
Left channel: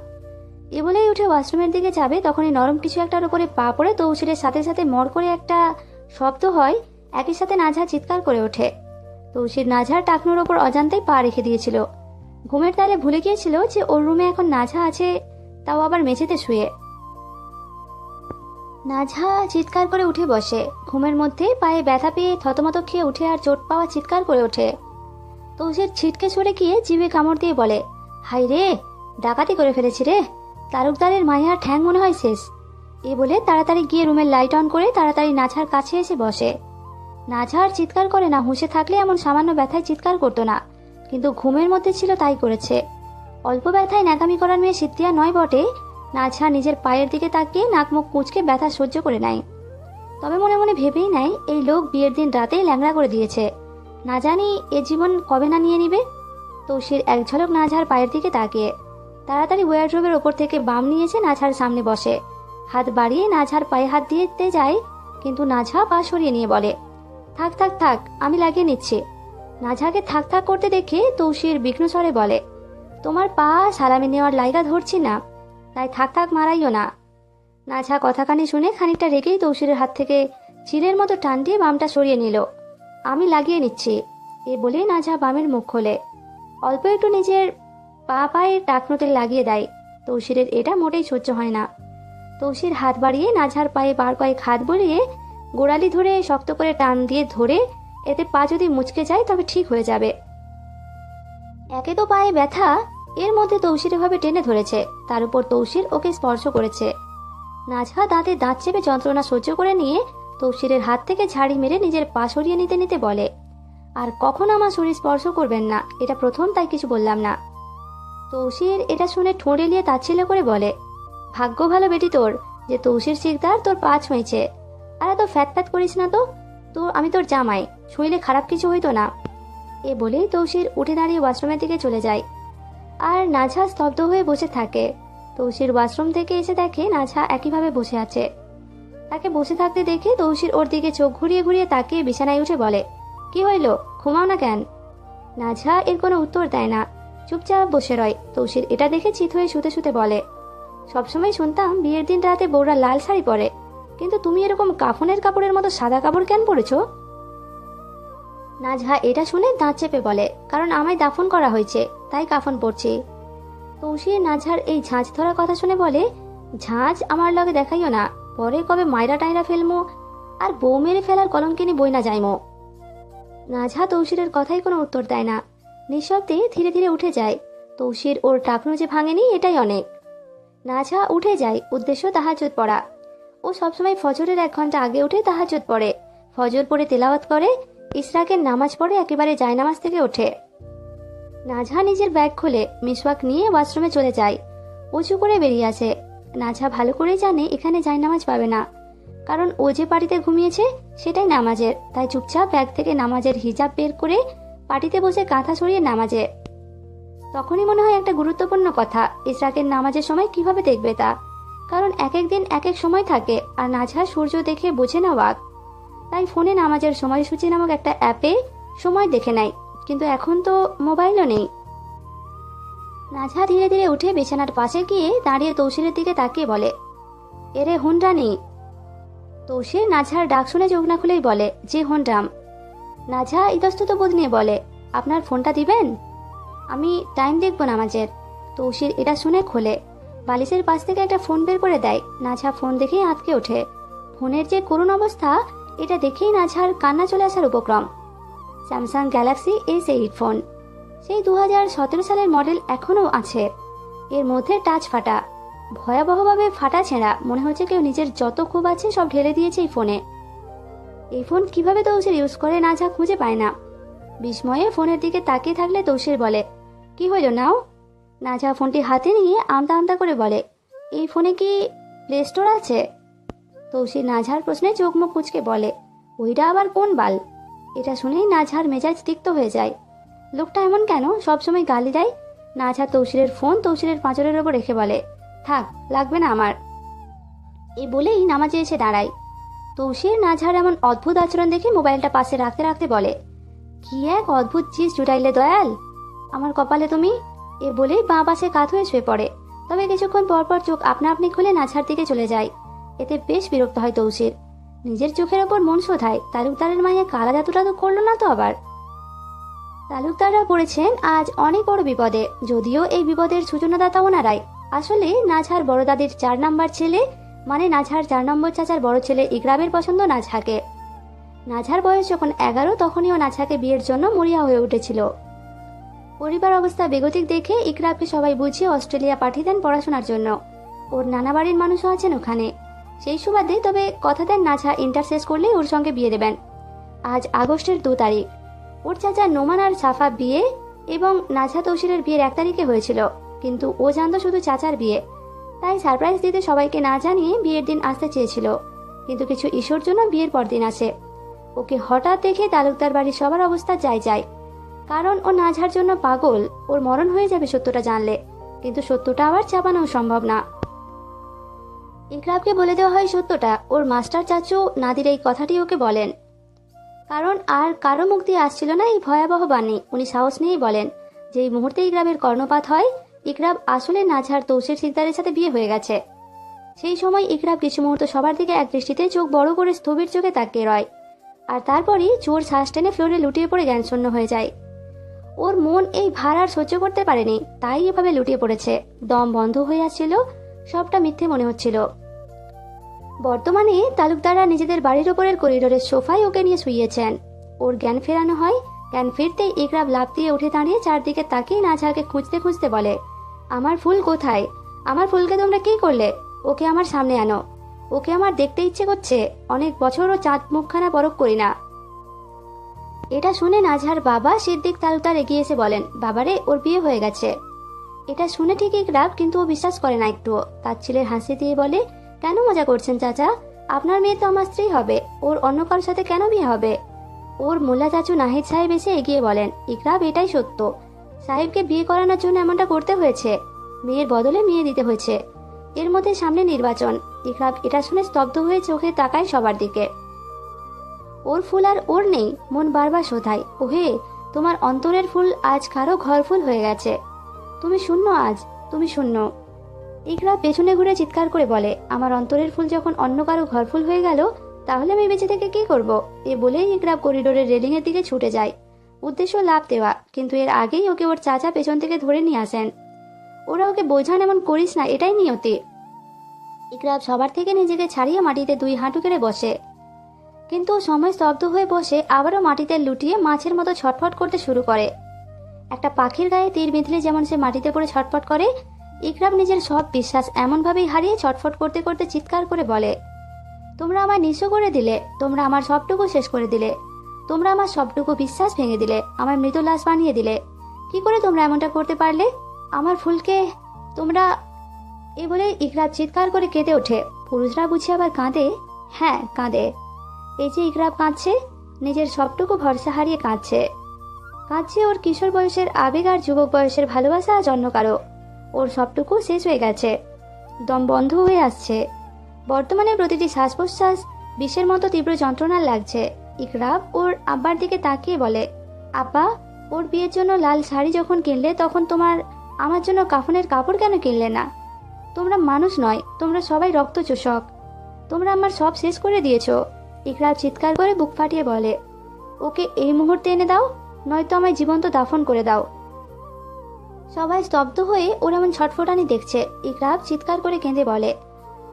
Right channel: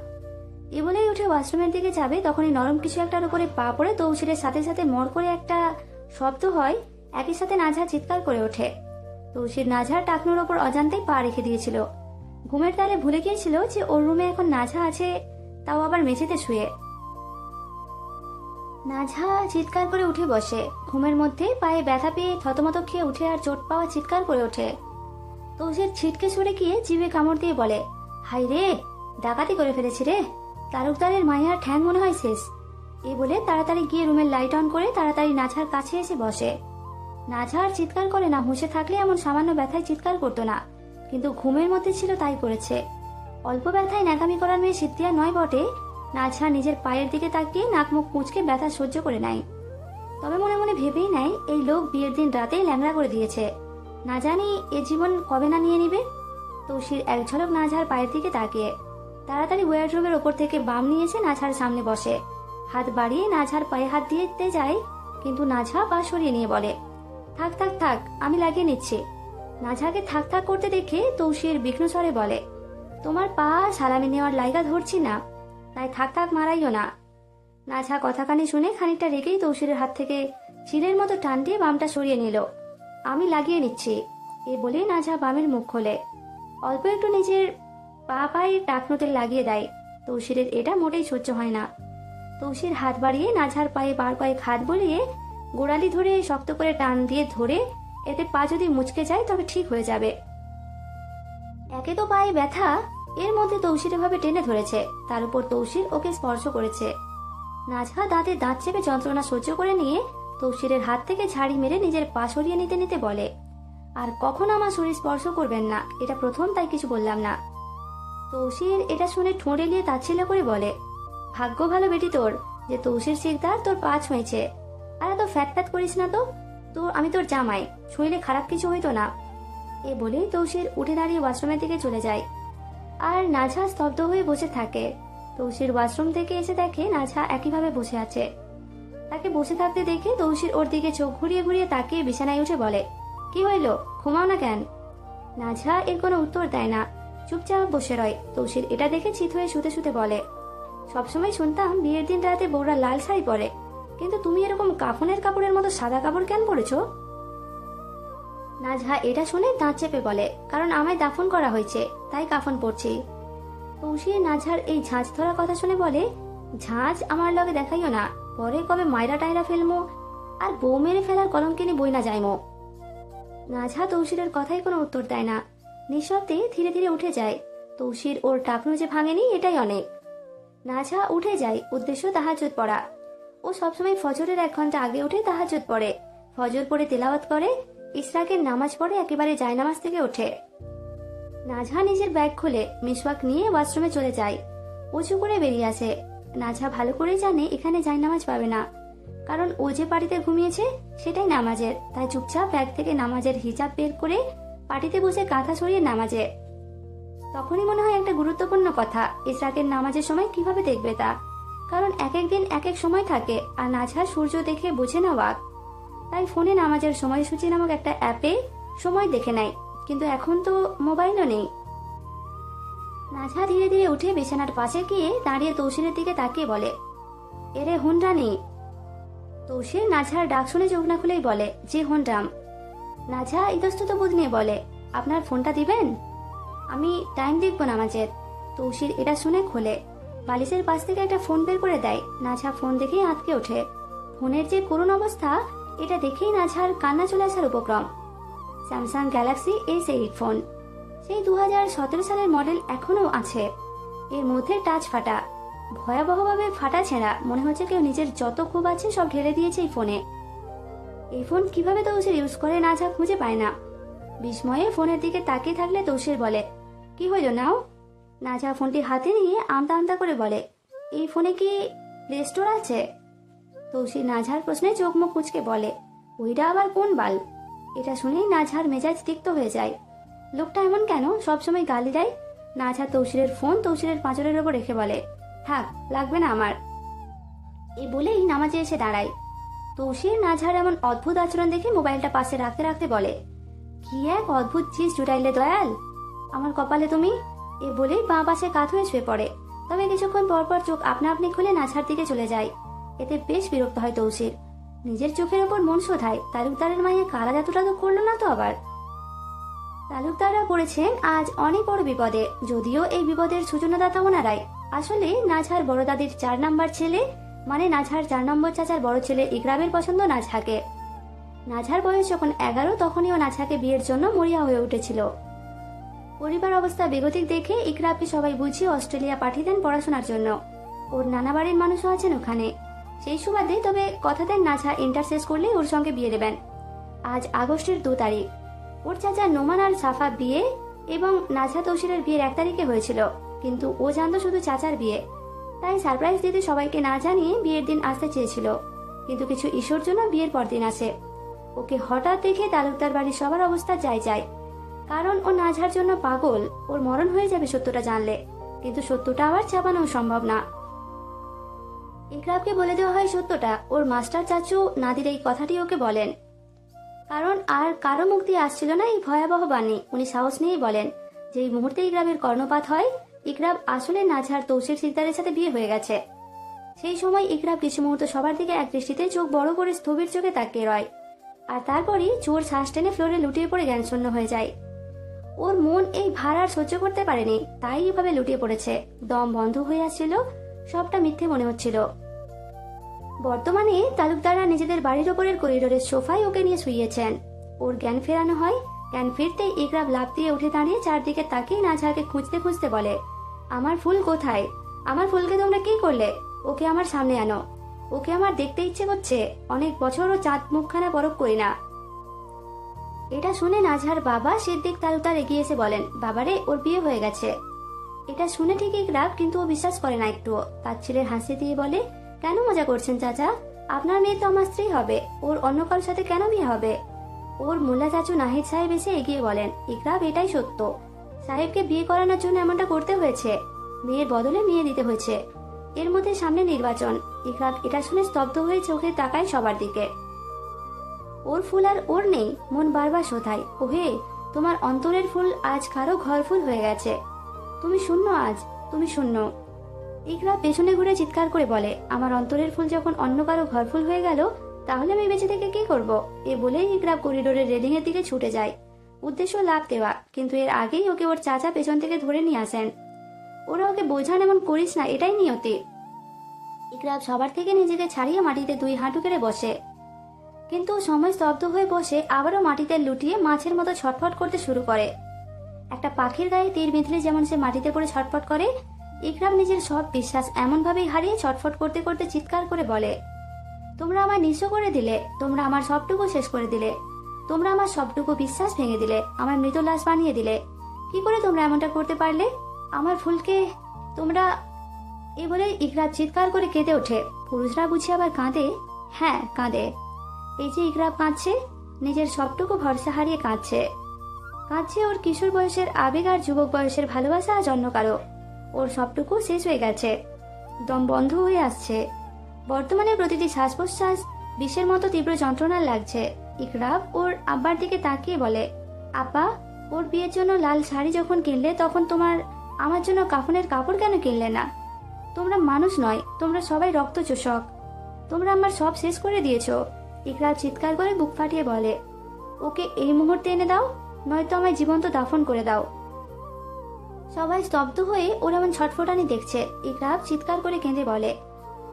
এ বলেই উঠে ওয়াশরুমের দিকে যাবে, তখনই নরম কিছু একটার উপরে পা পড়ে তৌসিরের সাথে সাথে মর করে একটা শব্দ হয়। একই সাথে নাজহা চিৎকার করে ওঠে। তৌসির নাজহার টাকনুর ওপর অজান্তেই পা রেখে দিয়েছিল। ঘুমের তালে ভুলে গিয়েছিল যে ওর রুমে এখন নাজহা আছে, তাও আবার মেঝেতে শুয়ে। নাঝা চিৎকার করে উঠে বসে। ঘুমের মধ্যে পায়ে ব্যথা পেয়ে থতমত খেয়ে উঠে আর চোট পাওয়া চিৎকার করে ওঠে। তৌসির ছিটকে সরে গিয়ে জিভে কামড় দিয়ে বলে, হাই রে, ডাকাতি করে ফেলেছি রে, তালুকদারের মাইয়ার ঠ্যাং মনে হয় শেষ। এ বলে তাড়াতাড়ি গিয়ে রুমের লাইট অন করে তাড়াতাড়ি নাঝার কাছে এসে বসে। নাঝা আর চিৎকার করে না, হুঁশে থাকলে এমন সামান্য ব্যথায় চিৎকার করতো না, কিন্তু ঘুমের মধ্যে ছিল তাই করেছে। অল্প ব্যথায় ন্যাকামি করার মেয়ে সিদ্ধিয়া নয় বটে। নাঝা নিজের পায়ের দিকে তাকিয়ে নাক মুখ কুঁচকে ব্যথা সহ্য করে নেয়। তবে মনে মনে ভেবেই নেয় এই লোক বিয়ের দিন রাতেই ল্যাংড়া করে দিয়েছে, না জানি এ জীবন কবে না নিয়ে নিবে। তৌসির এক ঝলক নাঝার পায়ের দিকে তাকিয়ে তাড়াতাড়ি ওয়ার্ডরোবের ওপর থেকে বাম নিয়েছে নাঝার সামনে বসে। হাত বাড়িয়ে নাঝার পায়ে হাত দিতে যায়, কিন্তু নাঝা পা সরিয়ে নিয়ে বলে, থাক থাক থাক, আমি লাগিয়ে নিচ্ছি। নাঝাকে থাক থাক করতে দেখে তৌসির বিঘ্ন স্বরে বলে, তোমার পা সালামি নেওয়ার লাইগা ধরছি না, তাই থাক থাক মারাইও না। নাঝা কথাখানি শুনে খানিকটা রেগেই তৌসিরের হাত থেকে চিলের মতো টান দিয়ে বামটা সরিয়ে নিল। আমি লাগিয়ে নিচ্ছি, এ বলে নাঝা বামের মুখ খোলে। অল্প একটু নিজের পায়ে টাকনোতে লাগিয়ে দেয়। তৌসিরের এটা মোটেই সহ্য হয় না। তৌসির হাত বাড়িয়ে নাঝার পায়ে বার কয়েক হাত বলিয়ে গোড়ালি ধরে শক্ত করে টান দিয়ে ধরে, এতে পা যদি মুচকে যায় তবে ঠিক হয়ে যাবে। একে তো পায়ে ব্যথা, এর মধ্যে তৌসির ভাবে টেনে ধরেছে, তার উপর তৌসির ওকে স্পর্শ করেছে। নাঝা দাঁতে দাঁত চেপে যন্ত্রণা সহ্য করে নিয়ে তৌসিরের হাত থেকে ঝাড়ি মেরে নিজের পা সরিয়ে নিতে নিতে বলে, আর কখনো আমার শরীর স্পর্শ করবেন না, এটা প্রথম, তাই কিছু বললাম না। তৌসির এটা শুনে ঠোঁট এলিয়ে তাচ্ছিল্য করে বলে, ভাগ্য ভালো বেটি তোর যে তৌসির শিকদার তোর পা ছুঁয়েছে। আর এত ফ্যাট ফ্যাট করিস না তো, আমি তোর জামাই, ছুঁইলে খারাপ কিছু হইতো না। এ বলেই তৌসির উঠে দাঁড়িয়ে ওয়াশরুমের দিকে চলে যায়। আর নাঝা স্তব্ধ হয়ে বসে থাকে। তৌসির ওয়াশরুম থেকে এসে দেখে নাঝা একইভাবে বসে আছে। তাকে বসে থাকতে দেখে তৌসির ওর দিকে চোখ ঘুরিয়ে ঘুরিয়ে তাকিয়ে বিছানায় উঠে বলে, কি হইল, ঘুমাও না কেন? নাঝা এর কোনো উত্তর দেয় না, চুপচাপ বসে রয়। তৌসির এটা দেখে চিত হয়ে শুতে শুতে বলে, সবসময় শুনতাম বিয়ের দিন রাতে বউরা লাল শাড়ি পরে, কিন্তু তুমি এরকম কাফনের কাপড়ের মতো সাদা কাপড় কেন পরেছো? নাঝা এটা শুনে দাঁত চেপে বলে, কারণ আমায় দাফন করা হয়েছে, তাই কাফন পরছি। তৌসির নাঝার এই ঝাঁঝ ধরা কথা শুনে বলে, ঝাঁঝ আমার লগে দেখাইও না, পরে কবে মাইরা টাইরা ফেলমো, আর বউ মেরে ফেলার কলঙ্কিনী বই না যাইমো। নাঝা তৌসিরের কথাই কোনো উত্তর দেয় না, নিঃশব্দে ধীরে ধীরে উঠে যায়। তৌসির ওর টাকনু যে ভাঙেনি এটাই অনেক। নাঝা উঠে যায়, উদ্দেশ্য তাহাজ্জুদ পড়া। ও সবসময় ফজরের 1 ঘন্টা আগে উঠে তাহাজ্জুদ পড়ে, ফজর পড়ে তেলাওয়াত করে, ইশরাকের নামাজ পড়ে একেবারে জায়নামাজ থেকে ওঠে। নাঝা নিজের ব্যাগ খুলে মিসওয়াক নিয়ে ওয়াশরুমে চলে যায়। উঁচু করে বেরিয়ে আসে। নাঝা ভালো করেই জানে এখানে জায়নামাজ পাবে না, কারণ ও যে পাটিতে ঘুমিয়েছে সেটাই নামাজের, তাই চুপচাপ ব্যাগ থেকে নামাজের হিজাব বের করে পাটিতে বসে কাঁথা ছড়িয়ে নামাজে। তখনই মনে হয় একটা গুরুত্বপূর্ণ কথা, ইশরাকের নামাজের সময় কিভাবে দেখবে তা, কারণ এক এক দিন এক এক সময় থাকে, আর নাঝা সূর্য দেখে বোঝে না ওয়াক। তাই ফোনে নামাজের সময়সূচি নামক একটা অ্যাপে সময় দেখে নেয়, কিন্তু এখন তো মোবাইলও নেই। নাঝা ধীরে ধীরে উঠে বিছানার পাশে গিয়ে দাঁড়িয়ে তৌসিরের দিকে তাকিয়ে বলে, এরে হুনরানি। তৌসির নাঝার ডাক শুনে চোখ না খুলেই বলে, জি হুনরাম। নাঝা ইতস্তত বোধ নিয়ে বলে, আপনার ফোনটা দিবেন, আমি টাইম দেখবো নামাজের। তৌসির এটা শুনে খোলে, বালিশের পাশ থেকে একটা ফোন বের করে দেয়। নাঝা ফোন দেখেই আঁতকে ওঠে। ফোনের যে করুণ অবস্থা, এটা দেখেই নাঝার কান্না চলে আসার উপক্রম। স্যামসাং গ্যালাক্সি S8 ফোন, সেই 2017 সালের মডেল এখনো আছে। এর মধ্যে টাচ ফাটা, ভয়াবহভাবে ফাটা ছেঁড়া, মনে হচ্ছে কেউ নিজের যত ক্ষোভ আছে সব ঢেলে দিয়েছে এই ফোনে। এই ফোন কিভাবে তৌসির ইউজ করে নাঝা খুঁজে পায় না। বিস্ময়ে ফোনের দিকে তাকিয়ে থাকলে তৌসির বলে, কি হইল নাও? নাঝা ফোনটি হাতে নিয়ে আমতা আমতা করে বলে, এই ফোনে কি প্লে স্টোর আছে? তৌসির নাঝার প্রশ্নে চোখ মুখ কুঁচকে বলে, ওইটা আবার কোন বাল? এটা শুনেই নাঝার মেজাজ তিক্ত হয়ে যায়। লোকটা এমন কেন, সবসময় গালি দেয়। নাঝা তৌসিরের ফোন তৌসিরের পাঁজরের ওপর রেখে বলে, থাক, লাগবে না আমার। এই বলেই নামাজে এসে দাঁড়ায়। তৌসির নাঝার এমন অদ্ভুত আচরণ দেখে মোবাইলটা পাশে রাখতে রাখতে বলে, কি এক অদ্ভুত চিজ জুটাইলে দয়াল আমার কপালে তুমি। এ বলেই বাঁ পাশে কাত হয়ে শুয়ে পড়ে। তবে কিছুক্ষণ পরপর চোখ আপনা আপনি খুলে নাঝার দিকে চলে যায়। এতে বেশ বিরক্ত হয় তৌসির। নিজের চোখের ওপর মন শোধায়, তালুকদারের মাইয়া কালা জাতুটা তো করলো না তো আবার। তালুকদাররা পড়েছেন আজ অনেক বড় বিপদে, যদিও এই বিপদের সূচনাদাতা ওনারাই। আসলে নাঝার বড় দাদির 4 নাম্বার ছেলে মানে নাজহার 4 নম্বর চাচার বড় ছেলে ইকরামের পছন্দ নাজহাকে। নাজহার বয়স যখন 11 তখনই ও নাজহাকে বিয়ের জন্য মরিয়া হয়ে উঠেছিল। পরিবার অবস্থা বেগতিক দেখে ইকরামকে সবাই বুঝিয়ে অস্ট্রেলিয়া পাঠিয়ে দেন পড়াশোনার জন্য। ওর নানা বাড়ির মানুষও আছেন ওখানে। সেই সুবাদে তবে কথা দেন নাজহা ইন্টার শেষ করলেই ওর সঙ্গে বিয়ে দেবেন। আজ আগস্টের 2 তারিখ। ওর চাচা নোমান আর সাফা বিয়ে এবং নাজহা তৌসিরের বিয়ের 1 তারিখে হয়েছিল, কিন্তু ও জানতো শুধু চাচার বিয়ে। তাই সারপ্রাইজ দিতে সবাইকে না জানিয়ে বিয়ের দিন আসতে চেয়েছিল, কিন্তু কিছু ইস্যুর জন্য বিয়ের পর দিন আসে। ওকে হঠাৎ দেখে তালুকদার বাড়ির সবার অবস্থা যায়, কারণ ও নাজহার জন্য পাগল। ওর মরণ হয়ে যাবে সত্যটা জানলে, কিন্তু সত্যটা আবার চাপানো সম্ভব না। ইকরামকে বলে দেওয়া হয় সত্যটা। ওর মাস্টার চাচু নাদির এই কথাটি ওকে বলেন, কারণ আর কারো মুখ দিয়ে আসছিল না এই ভয়াবহ বাণী। উনি সাহস নিয়েই বলেন যে এই মুহূর্তে ইকরামের কর্ণপাত হয়। ইকরাম আসলে নাজহার তৌসির সিকদারের সাথে বিয়ে হয়ে গেছে। সেই সময় ইকরাম কিছু মুহূর্ত সবার দিকে এক দৃষ্টিতে চোখ বড় করে স্থবির চোখে তাকিয়ে রয়, আর তারপরই জোর শ্বাস টেনে ফ্লোরে লুটিয়ে পড়ে জ্ঞানশূন্য হয়ে যায়। ওর মন এই ভার আর সহ্য করতে পারেনি, তাই এভাবে লুটিয়ে পড়েছে। দম বন্ধ হয়ে আসছিল, সবটা মিথ্যে মনে হচ্ছিল। বর্তমানে তালুকদাররা নিজেদের বাড়ির ওপরের করিডোরের সোফায় ওকে নিয়ে শুইয়েছেন। ওর জ্ঞান ফেরানো হয়। জ্ঞান ফিরতেই ইকরাম লাফ দিয়ে উঠে দাঁড়িয়ে চারদিকে তাকিয়ে নাজহাকে খুঁজতে খুঁজতে বলে, আমার ফুল কোথায়? আমার ফুলকে তোমরা কি করলে? ওকে আমার সামনে আনো। ওকে আমার দেখতে ইচ্ছে করছে। অনেক বছর ও চাঁদ মুখখানা পরখ করি না। এটা শুনে নাজহার বাবা সিদ্দিক তালুকদার এগিয়ে এসে বলেন, বাবারে, ওর বিয়ে হয়ে গেছে। এটা শুনে ঠিক ইকরাম, কিন্তু ও বিশ্বাস করে না একটুও। তার ছেলের হাসি দিয়ে বলে, কেন মজা করছেন চাচা? আপনার মেয়ে তো আমার স্ত্রী হবে, ওর অন্য কারোর সাথে কেন বিয়ে হবে? ওর মোল্লা চাচু নাহিদ সাহেব এসে এগিয়ে বলেন, ইকরাম, এটাই সত্য। সাহেবকে বিয়ে করানোর জন্য এমনটা করতে হয়েছে। মেয়ের বদলে মেয়ে দিতে হয়েছে। এর মধ্যে সামনে নির্বাচন। ইকরাম এটা শুনে স্তব্ধ হয়ে চোখে তাকায় সবার দিকে। ওর ফুল আর ওর নেই। মন বারবার শোধায়, ওহে, তোমার অন্তরের ফুল আজ কারো ঘর ফুল হয়ে গেছে। তুমি শূন্য, আজ তুমি শূন্য। ইকরাম পেছনে ঘুরে চিৎকার করে বলে, আমার অন্তরের ফুল যখন অন্য কারো ঘর ফুল হয়ে গেল, তাহলে আমি বেঁচে থেকে কি করব? এ বলেই ইকরাম করিডোরের রেলিং এর দিকে ছুটে যায়। উদ্দেশ্য লাভ দেওয়া, কিন্তু এর আগেই ওকে ওর চাচা পেছন থেকে ধরে নিয়ে আসেন। ওরা ওকে বোঝান, এমন করিস না, এটাই নিয়তি। ইকরাম সবার থেকে নিজেকে ছাড়িয়ে মাটিতে 2 হাঁটু করে বসে, কিন্তু সময় স্তব্ধ হয়ে বসে আবারও মাটিতে লুটিয়ে মাছের মতো ছটফট করতে শুরু করে। একটা পাখির গায়ে তীর বিঁধলে যেমন সে মাটিতে পড়ে ছটফট করে, ইকরাম নিজের সব বিশ্বাস এমনভাবেই হারিয়ে ছটফট করতে করতে চিৎকার করে বলে, তোমরা আমায় নিঃস্ব করে দিলে। তোমরা আমার সবটুকু শেষ করে দিলে। তোমরা আমার সবটুকু বিশ্বাস ভেঙে দিলে। আমার মৃত লাশ বানিয়ে দিলে। কি করে তোমরা এমনটা করতে পারলে? আমার ফুলকে তোমরা... এ বলে ইকরাম চিৎকার করে কেঁদে ওঠে। পুরুষরা বুঝি আবার কাঁদে? হ্যাঁ, কাঁদে। এই যে ইকরাম কাঁদছে, নিজের সবটুকু ভরসা হারিয়ে কাঁদছে। কাঁদছে ওর কিশোর বয়সের আবেগ আর যুবক বয়সের ভালোবাসা আর জন্ম কারো। ওর সবটুকু শেষ হয়ে গেছে। দম বন্ধ হয়ে আসছে। বর্তমানে প্রতিটি শ্বাস প্রশ্বাস বিষের মতো তীব্র যন্ত্রণার লাগছে। ইকরাম ওর আব্বার দিকে তাকিয়ে বলে, আব্বা, ওর বিয়ের জন্য লাল শাড়ি যখন কিনলে, তখন আমার জন্য কাফনের কাপড় কেন কিনলে না? তোমরা মানুষ নয়, তোমরা সবাই রক্ত চোষক। তোমরা আমার সব শেষ করে দিয়েছো। ইকরাম চিৎকার করে বুক ফাটিয়ে বলে, ওকে এই মুহূর্তে এনে দাও, নয়তো আমায় জীবন্ত দাফন করে দাও। সবাই স্তব্ধ হয়ে ওর এমন ছটফটানি দেখছে। ইকরাম চিৎকার করে কেঁদে বলে,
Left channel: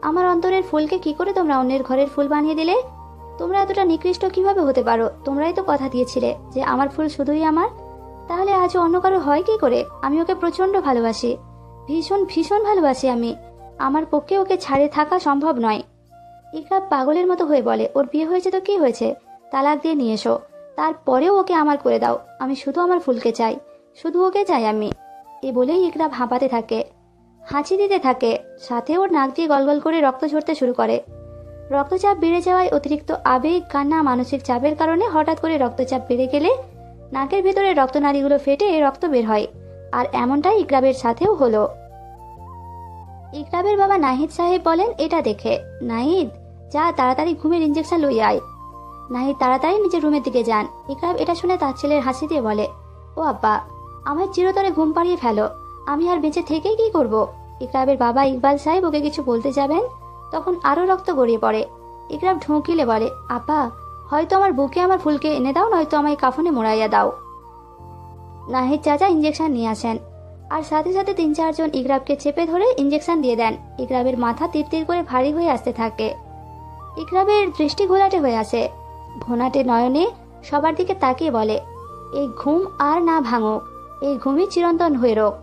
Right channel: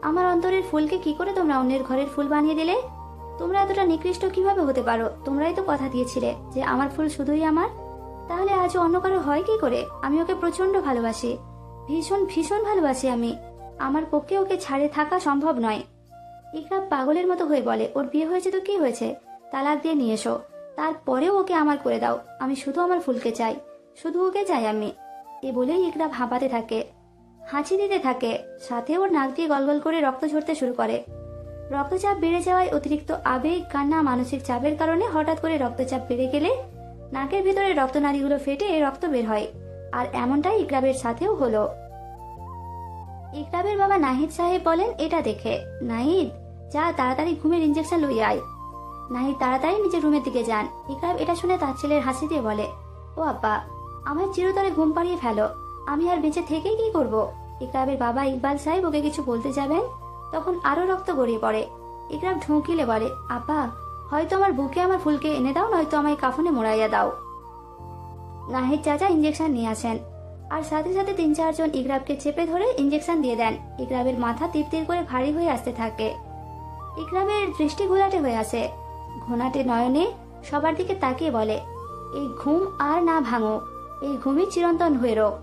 আমার অন্তরের ফুলকে কি করে তোমরা অন্যের ঘরের ফুল বানিয়ে দিলে? তোমরা এতটা নিকৃষ্ট কিভাবে হতে পারো? তোমরাই তো কথা দিয়েছিলে যে আমার ফুল শুধুই আমার। তাহলে আজও অন্য কারো হয় কি করে? আমি ওকে প্রচন্ড ভালোবাসি, ভীষণ ভীষণ ভালোবাসি আমি। আমার পক্ষে ওকে ছাড়ে থাকা সম্ভব নয়। ইকরাম পাগলের মতো হয়ে বলে, ওর বিয়ে হয়েছে তো কি হয়েছে? তালাক দিয়ে নিয়ে এসো, তারপরেও ওকে আমার করে দাও। আমি শুধু আমার ফুলকে চাই, শুধু ওকে চাই আমি। এ বলেই ইকরাম হাঁপাতে থাকে, হাঁচি দিতে থাকে, সাথে ওর নাক দিয়ে গলগল করে রক্ত ঝরতে শুরু করে। রক্তচাপ বেড়ে যাওয়ায় অতিরিক্ত আবেগ, কান্না, মানসিক চাপের কারণে হঠাৎ করে রক্তচাপ বেড়ে গেলে নাকের ভিতরে রক্তনালীগুলো ফেটে রক্ত বের হয়। আর এমনটাই ইকরামের সাথেও হলো। ইকরামের বাবা নাহিদ সাহেব বলেন এটা দেখে, নাহিদ, যা তাড়াতাড়ি ঘুমের ইঞ্জেকশন লই আয়। নাহিদ তাড়াতাড়ি নিজের রুমের দিকে যান। ইকরাম এটা শুনে তার ছেলের হাসি দিয়ে বলে, ও আব্বা, আমার চিরতরে ঘুম পাড়িয়ে ফেলো, আমি আর বেঁচে থেকে কি করব? ইকরামের বাবা ইকবাল সাহেব ওকে কিছু বলতে যাবেন, তখন আরো রক্ত গড়িয়ে পড়ে। ইকরাম ঢুকিলে বলে, আব্বা, হয়তো আমার বুকে আমার ফুলকে এনে দাও, নয়তো আমায় কাফনে মোড়াইয়া দাও। নাহিদ চাচা ইঞ্জেকশন নিয়ে আসেন। আর সাথে সাথে 3-4 জন ইকরাবকে চেপে ধরে ইঞ্জেকশন দিয়ে দেন। ইকরাবের মাথা তীর তীর করে ভারী হয়ে আসতে থাকে। ইকরাবের দৃষ্টি ঘোলাটে হয়ে আসে। ঘোনাটে নয়নে সবার দিকে তাকিয়ে বলে, এই ঘুম আর না ভাঙো, এই ঘুমই চিরন্তন হয়ে রোক।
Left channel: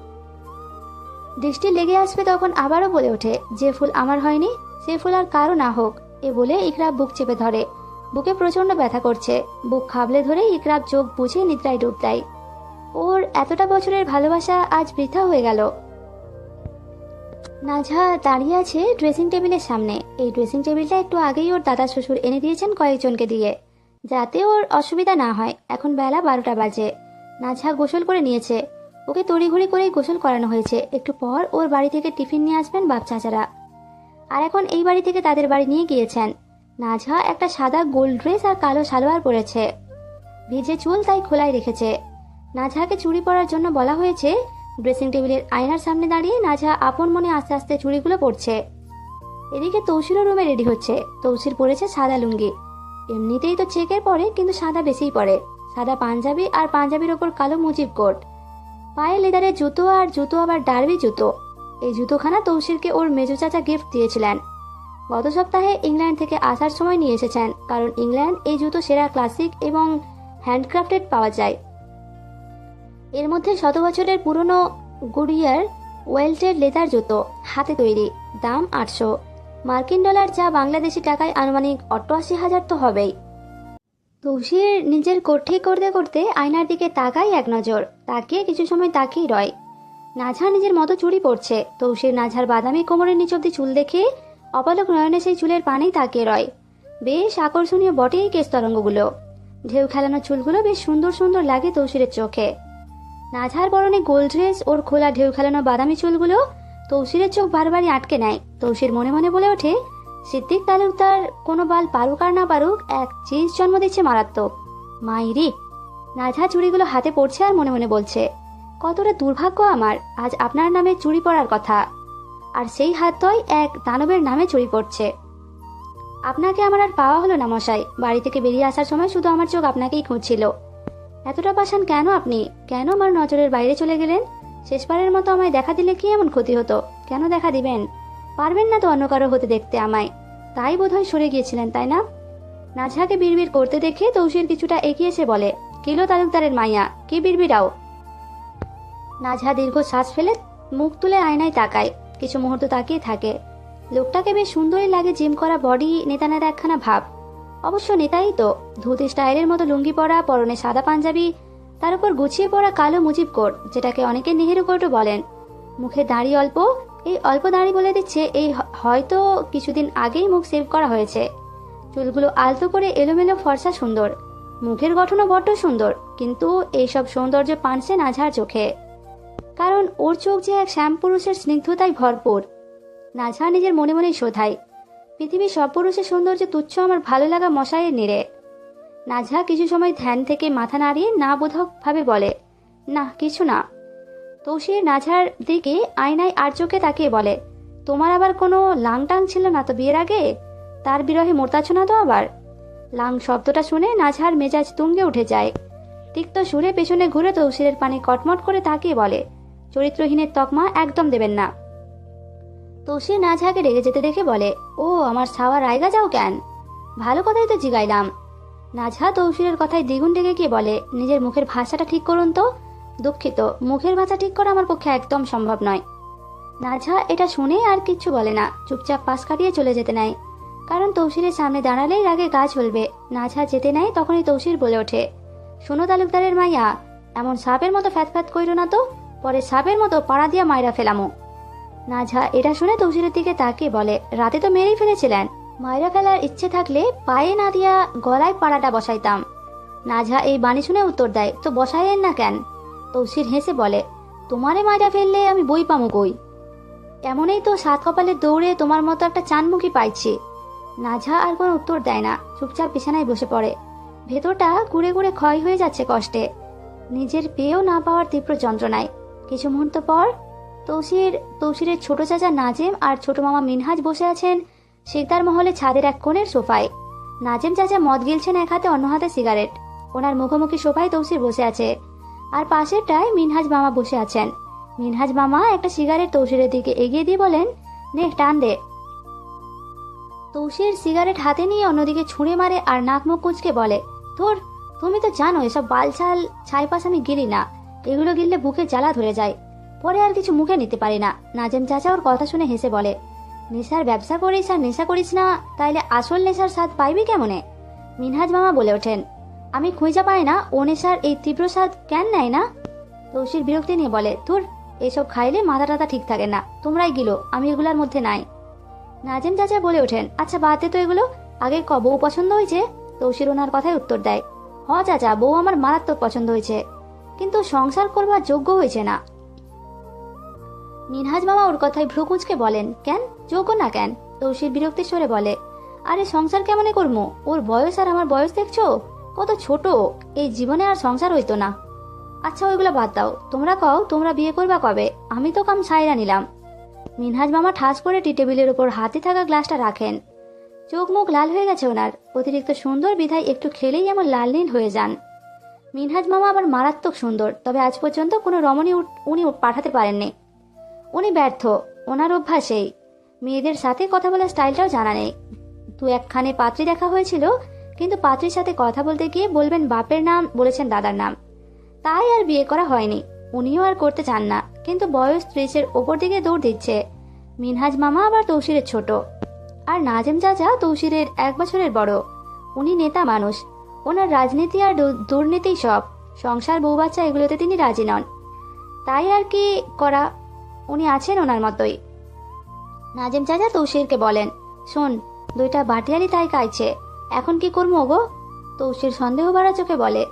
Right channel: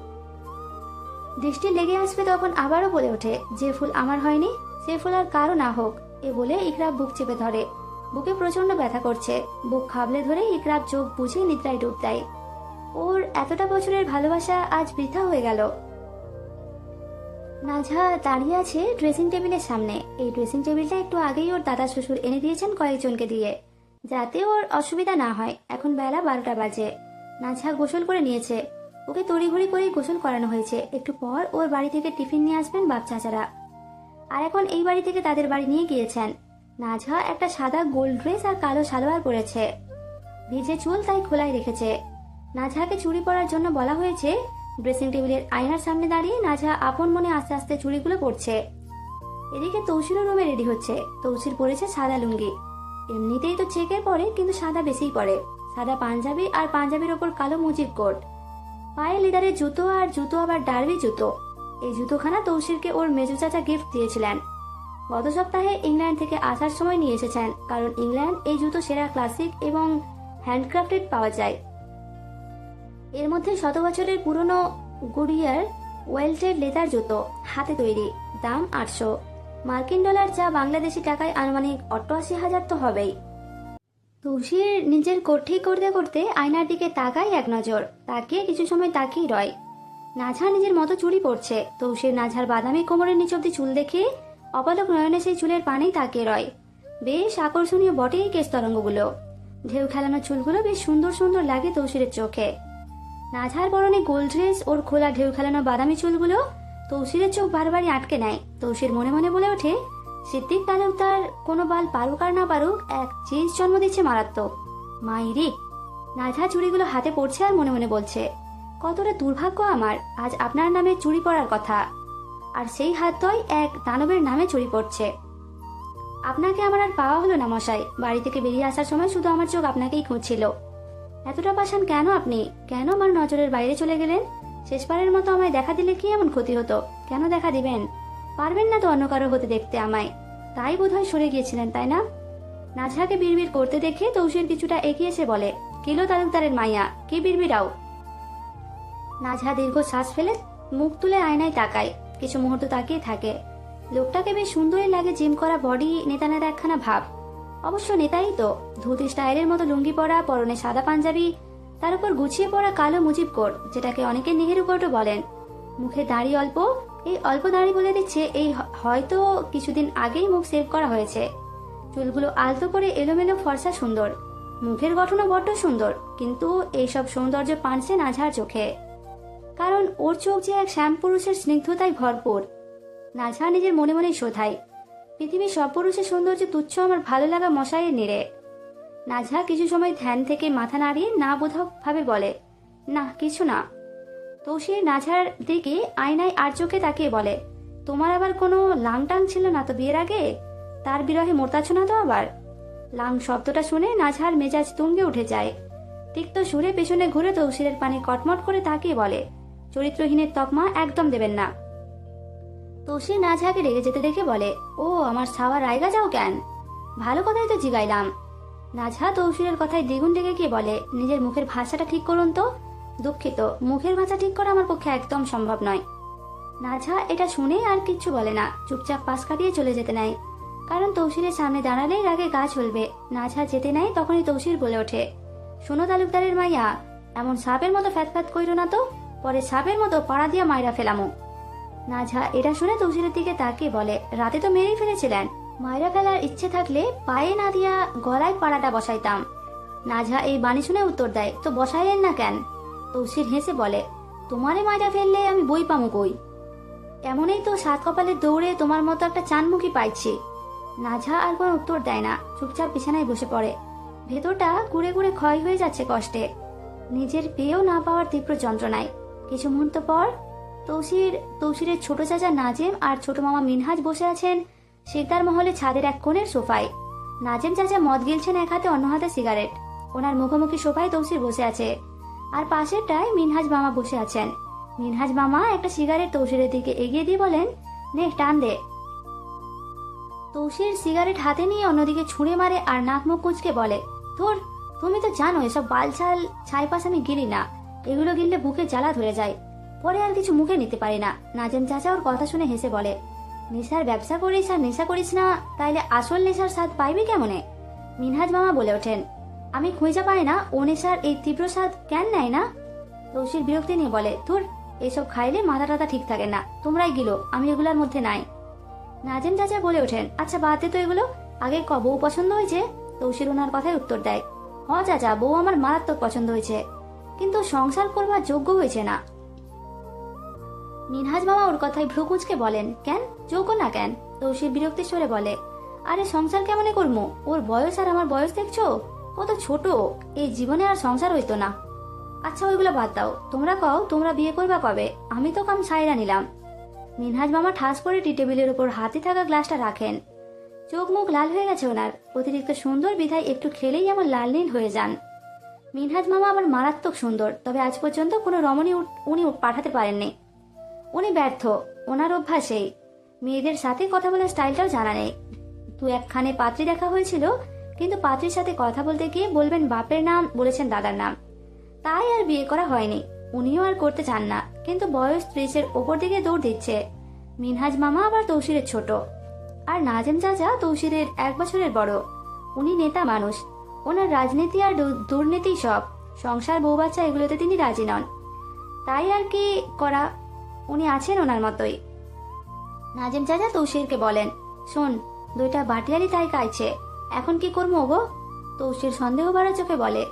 দৃষ্টি লেগে আসবে তখন আবারও বলে ওঠে, যে ফুল আমার হয়নি সে ফুল আর কারো না হোক। এ বলে ইকরাব বুক চেপে ধরে। বুকে প্রচন্ড ব্যথা করছে। বুক খাবলে ধরে ইকরাব চোখ বুঝে নিদ্রায় ডুব দেয়। ওর এতটা বছরের ভালোবাসা আজ বৃথা হয়ে গেল। নাজহা দাঁড়িয়ে আছে ড্রেসিং টেবিলের সামনে। এই ড্রেসিং টেবিলটা একটু আগেই ওর দাদা শ্বশুর এনে দিয়েছেন কয়েকজনকে দিয়ে, যাতে ওর অসুবিধা না হয়। এখন বেলা 12টা বাজে। নাজহা গোসল করে নিয়েছে। ওকে তড়িঘড়ি করেই গোসল করানো হয়েছে। একটু পর ওর বাড়ি থেকে টিফিন নিয়ে আসবেন বাপ চাচারা। আর এখন এই বাড়ি থেকে তাদের বাড়ি নিয়ে গিয়েছেন। নাজহা একটা সাদা গোল্ড ড্রেস আর কালো সালোয়ার পরেছে। ভিজে চুল তাই খোলাই রেখেছে। নাজহাকে চুড়ি পরার জন্য বলা হয়েছে। ড্রেসিং টেবিলের আয়নার সামনে দাঁড়িয়ে নাজহা আপন মনে আস্তে আস্তে চুড়িগুলো পরছে। এদিকে তৌসিরও রুমে রেডি হচ্ছে। তৌসির পরেছে সাদা লুঙ্গি। এমনিতেই তো চেকের পরে, কিন্তু সাদা বেশিই পরে। সাদা পাঞ্জাবি আর পাঞ্জাবির ওপর কালো মুজির কোট। পায়ে লেদারের জুতো, আর জুতো আবার ডার্বি জুতো। এই জুতোখানা তৌসিরকে ওর মেজো চাচা গিফট দিয়েছিলেন। গত সপ্তাহে ইংল্যান্ড থেকে আসার সময় নিয়ে এসেছেন, কারণ ইংল্যান্ড এই জুতো সেরা ক্লাসিক এবং হ্যান্ডক্রাফটেড পাওয়া যায়। এর মধ্যে 100 বছরের পুরনো গুডিয়ার ওয়েল্টেড লেদার জুতো, হাতে তৈরি, দাম 800 মার্কিন ডলার, যা বাংলাদেশি টাকায় আনুমানিক 88,000 তো হবেই। তৌসির নিজের কোট ঠিক করতে করতে আয়নার দিকে তাকায় এক নজর। তাকিয়ে কিছু সময় তাকিয়ে রয়। নাজহা নিজের মতো চুড়ি পরছে। তৌসির নাজহার বাদামি কোমরের নিচ অব্দি চুল দেখে অপলক নয়নে সেই চুলের পানি তাকিয়ে রয়। বেশ আকর্ষণীয় বটে এই কেশ তরঙ্গগুলো। ঢেউ খেলানো চুলগুলো বেশ সুন্দর সুন্দর লাগে তৌসিরের চোখে। নাজহার পরনে গোল্ড ড্রেস, ওর খোলা ঢেউ খেলানো বাদামি চুলগুলো তৌসিরের চোখ বারবারই আটকে নেয়। তৌসির মনে মনে বলে ওঠে, সিদ্দিক তালুকদার কোনো বাল পারুক আর না পারুক, এক চিজ জন্ম দিচ্ছে মারাত্মক। মাইরি। নাজহা চুড়িগুলো হাতে পড়ছে আর মনে মনে বলছে, কতটা দুর্ভাগ্য আমার, আজ আপনার নামে চুড়ি পড়ার কথা, আর সেই হাতটাই এক দানবের নামে চুরি পড়ছে। আপনাকে আমার আর পাওয়া হলো না মশাই। বাড়ি থেকে বেরিয়ে আসার সময় শুধু আমার চোখ আপনাকেই খুঁজছিল। এতটা পাষাণ কেন আপনি? কেন আমার নজরের বাইরে চলে গেলেন? শেষবারের মতো আমায় দেখা দিলে কি এমন ক্ষতি হতো? কেন দেখা দিবেন? পারবেন না তো অন্য কারো হতে দেখতে আমায়, তাই বোধহয় সরে গিয়েছিলেন, তাই না? নাজহাকে বিড়বিড় করতে দেখে তৌসির কিছুটা এগিয়ে এসে বলে, কিলো তালুকদারের মাইয়া, কি বিড়বিড়াও? নাজহা দীর্ঘ শ্বাস ফেলে মুখ তুলে আয়নায় তাকায়। কিছু মুহূর্ত তাকিয়ে থাকে। লোকটাকে বেশ সুন্দরই লাগে। জিম করা বডি, নেতানের একখানা ভাব। অবশ্য নেতাই তো। ধুতি স্টাইলের মতো লুঙ্গি পরা, পরনে সাদা পাঞ্জাবি, তার উপর গুছিয়ে পরা কালো মুজিব কোট, যেটাকে অনেকে নেহেরু কোটও বলেন। মুখে দাড়ি অল্প। এই অল্প দাড়ি বলে দিচ্ছে এই হয়তো কিছুদিন আগেই মুখ সেভ করা হয়েছে। চুলগুলো আলতো করে এলোমেলো, ফর্সা, সুন্দর। মুখের গঠনও বড্ড সুন্দর, কিন্তু এইসব সৌন্দর্য পানছে নাজহার চোখে, কারণ ওর চোখ যে এক শ্যামপুরুষের স্নিগ্ধতায় ভরপুর। নাজহা নিজের মনে মনেই শোধায়, পৃথিবীর সব পুরুষের সৌন্দর্য তুচ্ছ আমার ভালো লাগা মশাইয়ের নিরে। নাজহা কিছু সময় ধ্যান থেকে মাথা নাড়িয়ে না বোধক ভাবে বলে, না কিছু না। তৌসির নাজহার দিকে আয়নায় আর চোখে তাকিয়ে বলে, তোমার আবার কোনো লাংটাং ছিল না তো বিয়ের আগে? তার বিরহে মরতাছ না তো আবার? লাং শব্দটা শুনে নাজহার মেজাজ তুঙ্গে উঠে যায়। তিক্ত সুরে পেছনে ঘুরে তৌসিরের পানে কটমট করে তাকিয়ে বলে, চরিত্রহীনের তকমা একদম দেবেন না। তৌসির নাজহাকে রেগে যেতে দেখে বলে, ও আমার ছাওয়া রায়গা যাও কেন? ভালো কথাই তো জিগাইলাম। নাজহা তৌসিরের কথায় দ্বিগুণ রেগে গিয়ে বলে, নিজের মুখের ভাষাটা ঠিক করুন তো। দুঃখিত, মুখের ভাষা ঠিক করা আমার পক্ষে একদম সম্ভব নয়। নাজহা এটা শুনে আর কিচ্ছু বলে না, চুপচাপ পাশ কাটিয়ে চলে যেতে নেয়। কারণ তৌসিরের সামনে দাঁড়ালেই রাগে গা চলবে। নাজহা যেতে নেয়, তখনই তৌসির বলে ওঠে, শোনো তালুকদারের মাইয়া, এমন সাপের মতো ফ্যাত কইরো না তো, পরে সাপের মতো পাড়া দিয়া মাইরা ফেলামো। নাজহা এটা শুনে তৌসিরের দিকে তাকিয়ে বলে, রাতে তো মেরেই ফেলেছিলেন, মাইরা ফেলার ইচ্ছে থাকলে পায়ে না দিয়া গলায় পাড়াটা বসাইতাম। নাজহা এই বাণী শুনে উত্তর দেয়, তো বসাইলেন না কেন? তৌসির হেসে বলে, তোমারে মাইরা ফেললে আমি বই পামো কই? এমনই তো 7 কপালের দৌড়ে তোমার মতো একটা চানমুখী পাইছি। নাজহা আর কোনো উত্তর দেয় না, চুপচাপ বিছানায় বসে পড়ে। ভেতরটা গুড়ে গুড়ে ক্ষয় হয়ে যাচ্ছে কষ্টে, নিজের পেয়েও না পাওয়ার তীব্র যন্ত্রণায়। কিছু মুহূর্ত পর তৌসিরের ছোট চাচা নাজেম আর ছোট মামা মিনহাজ বসে আছেন শিকদার মহলে ছাদের এক কোণের সোফায়। নাজেম চাচা মদ গিলছেন এক হাতে, অন্য হাতে সিগারেট। ওনার মুখোমুখি সোফায় তৌসির বসে আছে, আর পাশেরটায় মিনহাজ মামা বসে আছেন। মিনহাজ মামা একটা সিগারেট তৌসিরের দিকে এগিয়ে দিয়ে বলেন, নে টান দে। তৌসির সিগারেট হাতে নিয়ে অন্যদিকে ছুঁড়ে মারে আর নাক মুখ কুচকে বলে, ধুর, তুমি তো জানো এসব বালছাল ছাইপাস আমি গিলি না, এগুলো গিললে বুকে জ্বালা ধরে যায়, পরে আর কিছু মুখে নিতে পারি না। নাজেম চাচা ওর কথা শুনে হেসে বলে, নেশার ব্যবসা করিস আর নেশা করিস না, তাইলে আসল নেশার স্বাদ পাইবি কেমনে? মিনহাজ মামা বলে ওঠেন, আমি খুঁজে পাই না ও নেশার এই তীব্র স্বাদ কেন নেয় না? তৌসির বিরক্তি নিয়ে বলে, ধুর, এসব খাইলে মাথা টাথা ঠিক থাকে না, তোমরাই গিলো, আমি এগুলোর মধ্যে নাই। নাজেম চাচা বলে ওঠেন, আচ্ছা বাদ দে তো এগুলো, আগে বউ পছন্দ হয়েছে? তৌসির ওনার কথায় উত্তর দেয়, হ চাচা, বউ আমার মারাত্মক পছন্দ হয়েছে, কিন্তু সংসার করবার যোগ্য হয়েছে না। মিনহাজ মামা ওর কথায় ভ্রু কুচকে বলেন, কেন যোগ্য না কেন? তৌসির বিরক্তি সরে বলে, আরে সংসার কেমনে করবো, ওর বয়স আর আমার বয়স দেখছো, কত ছোট, এই জীবনে আর সংসার হইতো না। আচ্ছা ওইগুলা বাদ দাও, তোমরা কও তোমরা বিয়ে করবা কবে? আমি তো কাম ছাইরা নিলাম। মিনহাজ মামা ঠাস করে টি টেবিলের উপর হাতে থাকা গ্লাসটা রাখেন। চোখ মুখ লাল হয়ে গেছে ওনার, অতিরিক্ত সুন্দর বিধায় একটু খেলেই এমন লাল নীল হয়ে যান। মিনহাজ মামা আবার মারাত্মক সুন্দর, তবে আজ পর্যন্ত কোনো রমণী উনি পাঠাতে পারেননি। উনি ব্যর্থ, ওনার অভ্যাসেই মেয়েদের সাথে কথা বলার স্টাইলটাও জানা নেই। দু একখানে পাত্রী দেখা হয়েছিল, কিন্তু পাত্রীর সাথে কথা বলতে গিয়ে বলবেন বাপের নাম, বলেছেন দাদার নাম, তাই আর বিয়ে করা হয়নি। উনিও আর করতে চান না, কিন্তু বয়স 30-এর ওপর দিকে দৌড় দিচ্ছে। মিনহাজ মামা আবার তৌসিরের ছোট, আর নাজেম চাচা তৌসিরের 1 বছরের বড়। উনি নেতা মানুষ, ওনার রাজনীতি আর দুর্নীতি সব, সংসার বউ বাচ্চা এগুলোতে তিনি রাজি নন, তাই আর কি করা, উনি আছেন ওনার মতোই। নাজেম চাচা তৌসিরকে বলেন, শোন, 2টা বাটিয়ারি তাই কাইছে, এখন কি করবো গো? তৌসির সন্দেহ ভরা চোখে বলে,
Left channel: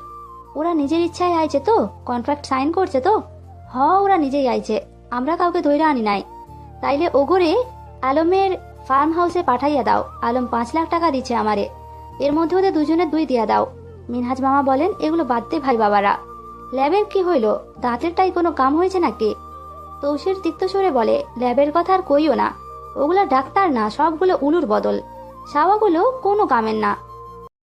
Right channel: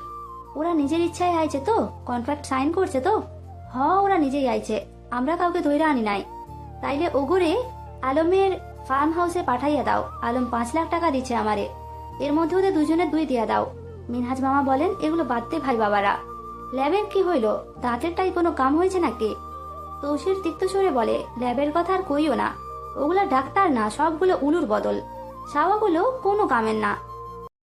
ওরা নিজের ইচ্ছায় আইছে তো, কন্ট্রাক্ট সাইন করছে তো? হ, ওরা নিজেই আইছে, আমরা কাউকে ধৈর্য আনি নাই। তাইলে ওগরে আলমের ফার্ম হাউসে পাঠাইয়া দাও, আলম 5 লাখ টাকা দিচ্ছে আমারে, এর মধ্যে ওদের দুজনের 2 দিয়া দাও। মিনহাজ মামা বলেন, এগুলো বাদ দে ভাই বাবারা, ল্যাবের কি হইল, দাঁতেরটাই কোনো কাম হয়েছে নাকি? তৌসির তিক্ত সরে বলে, ল্যাবের কথা আর কইও না, ওগুলো ডাক্তার না, সবগুলো উলুর বদল, সাওয়াগুলো কোনো কামের না,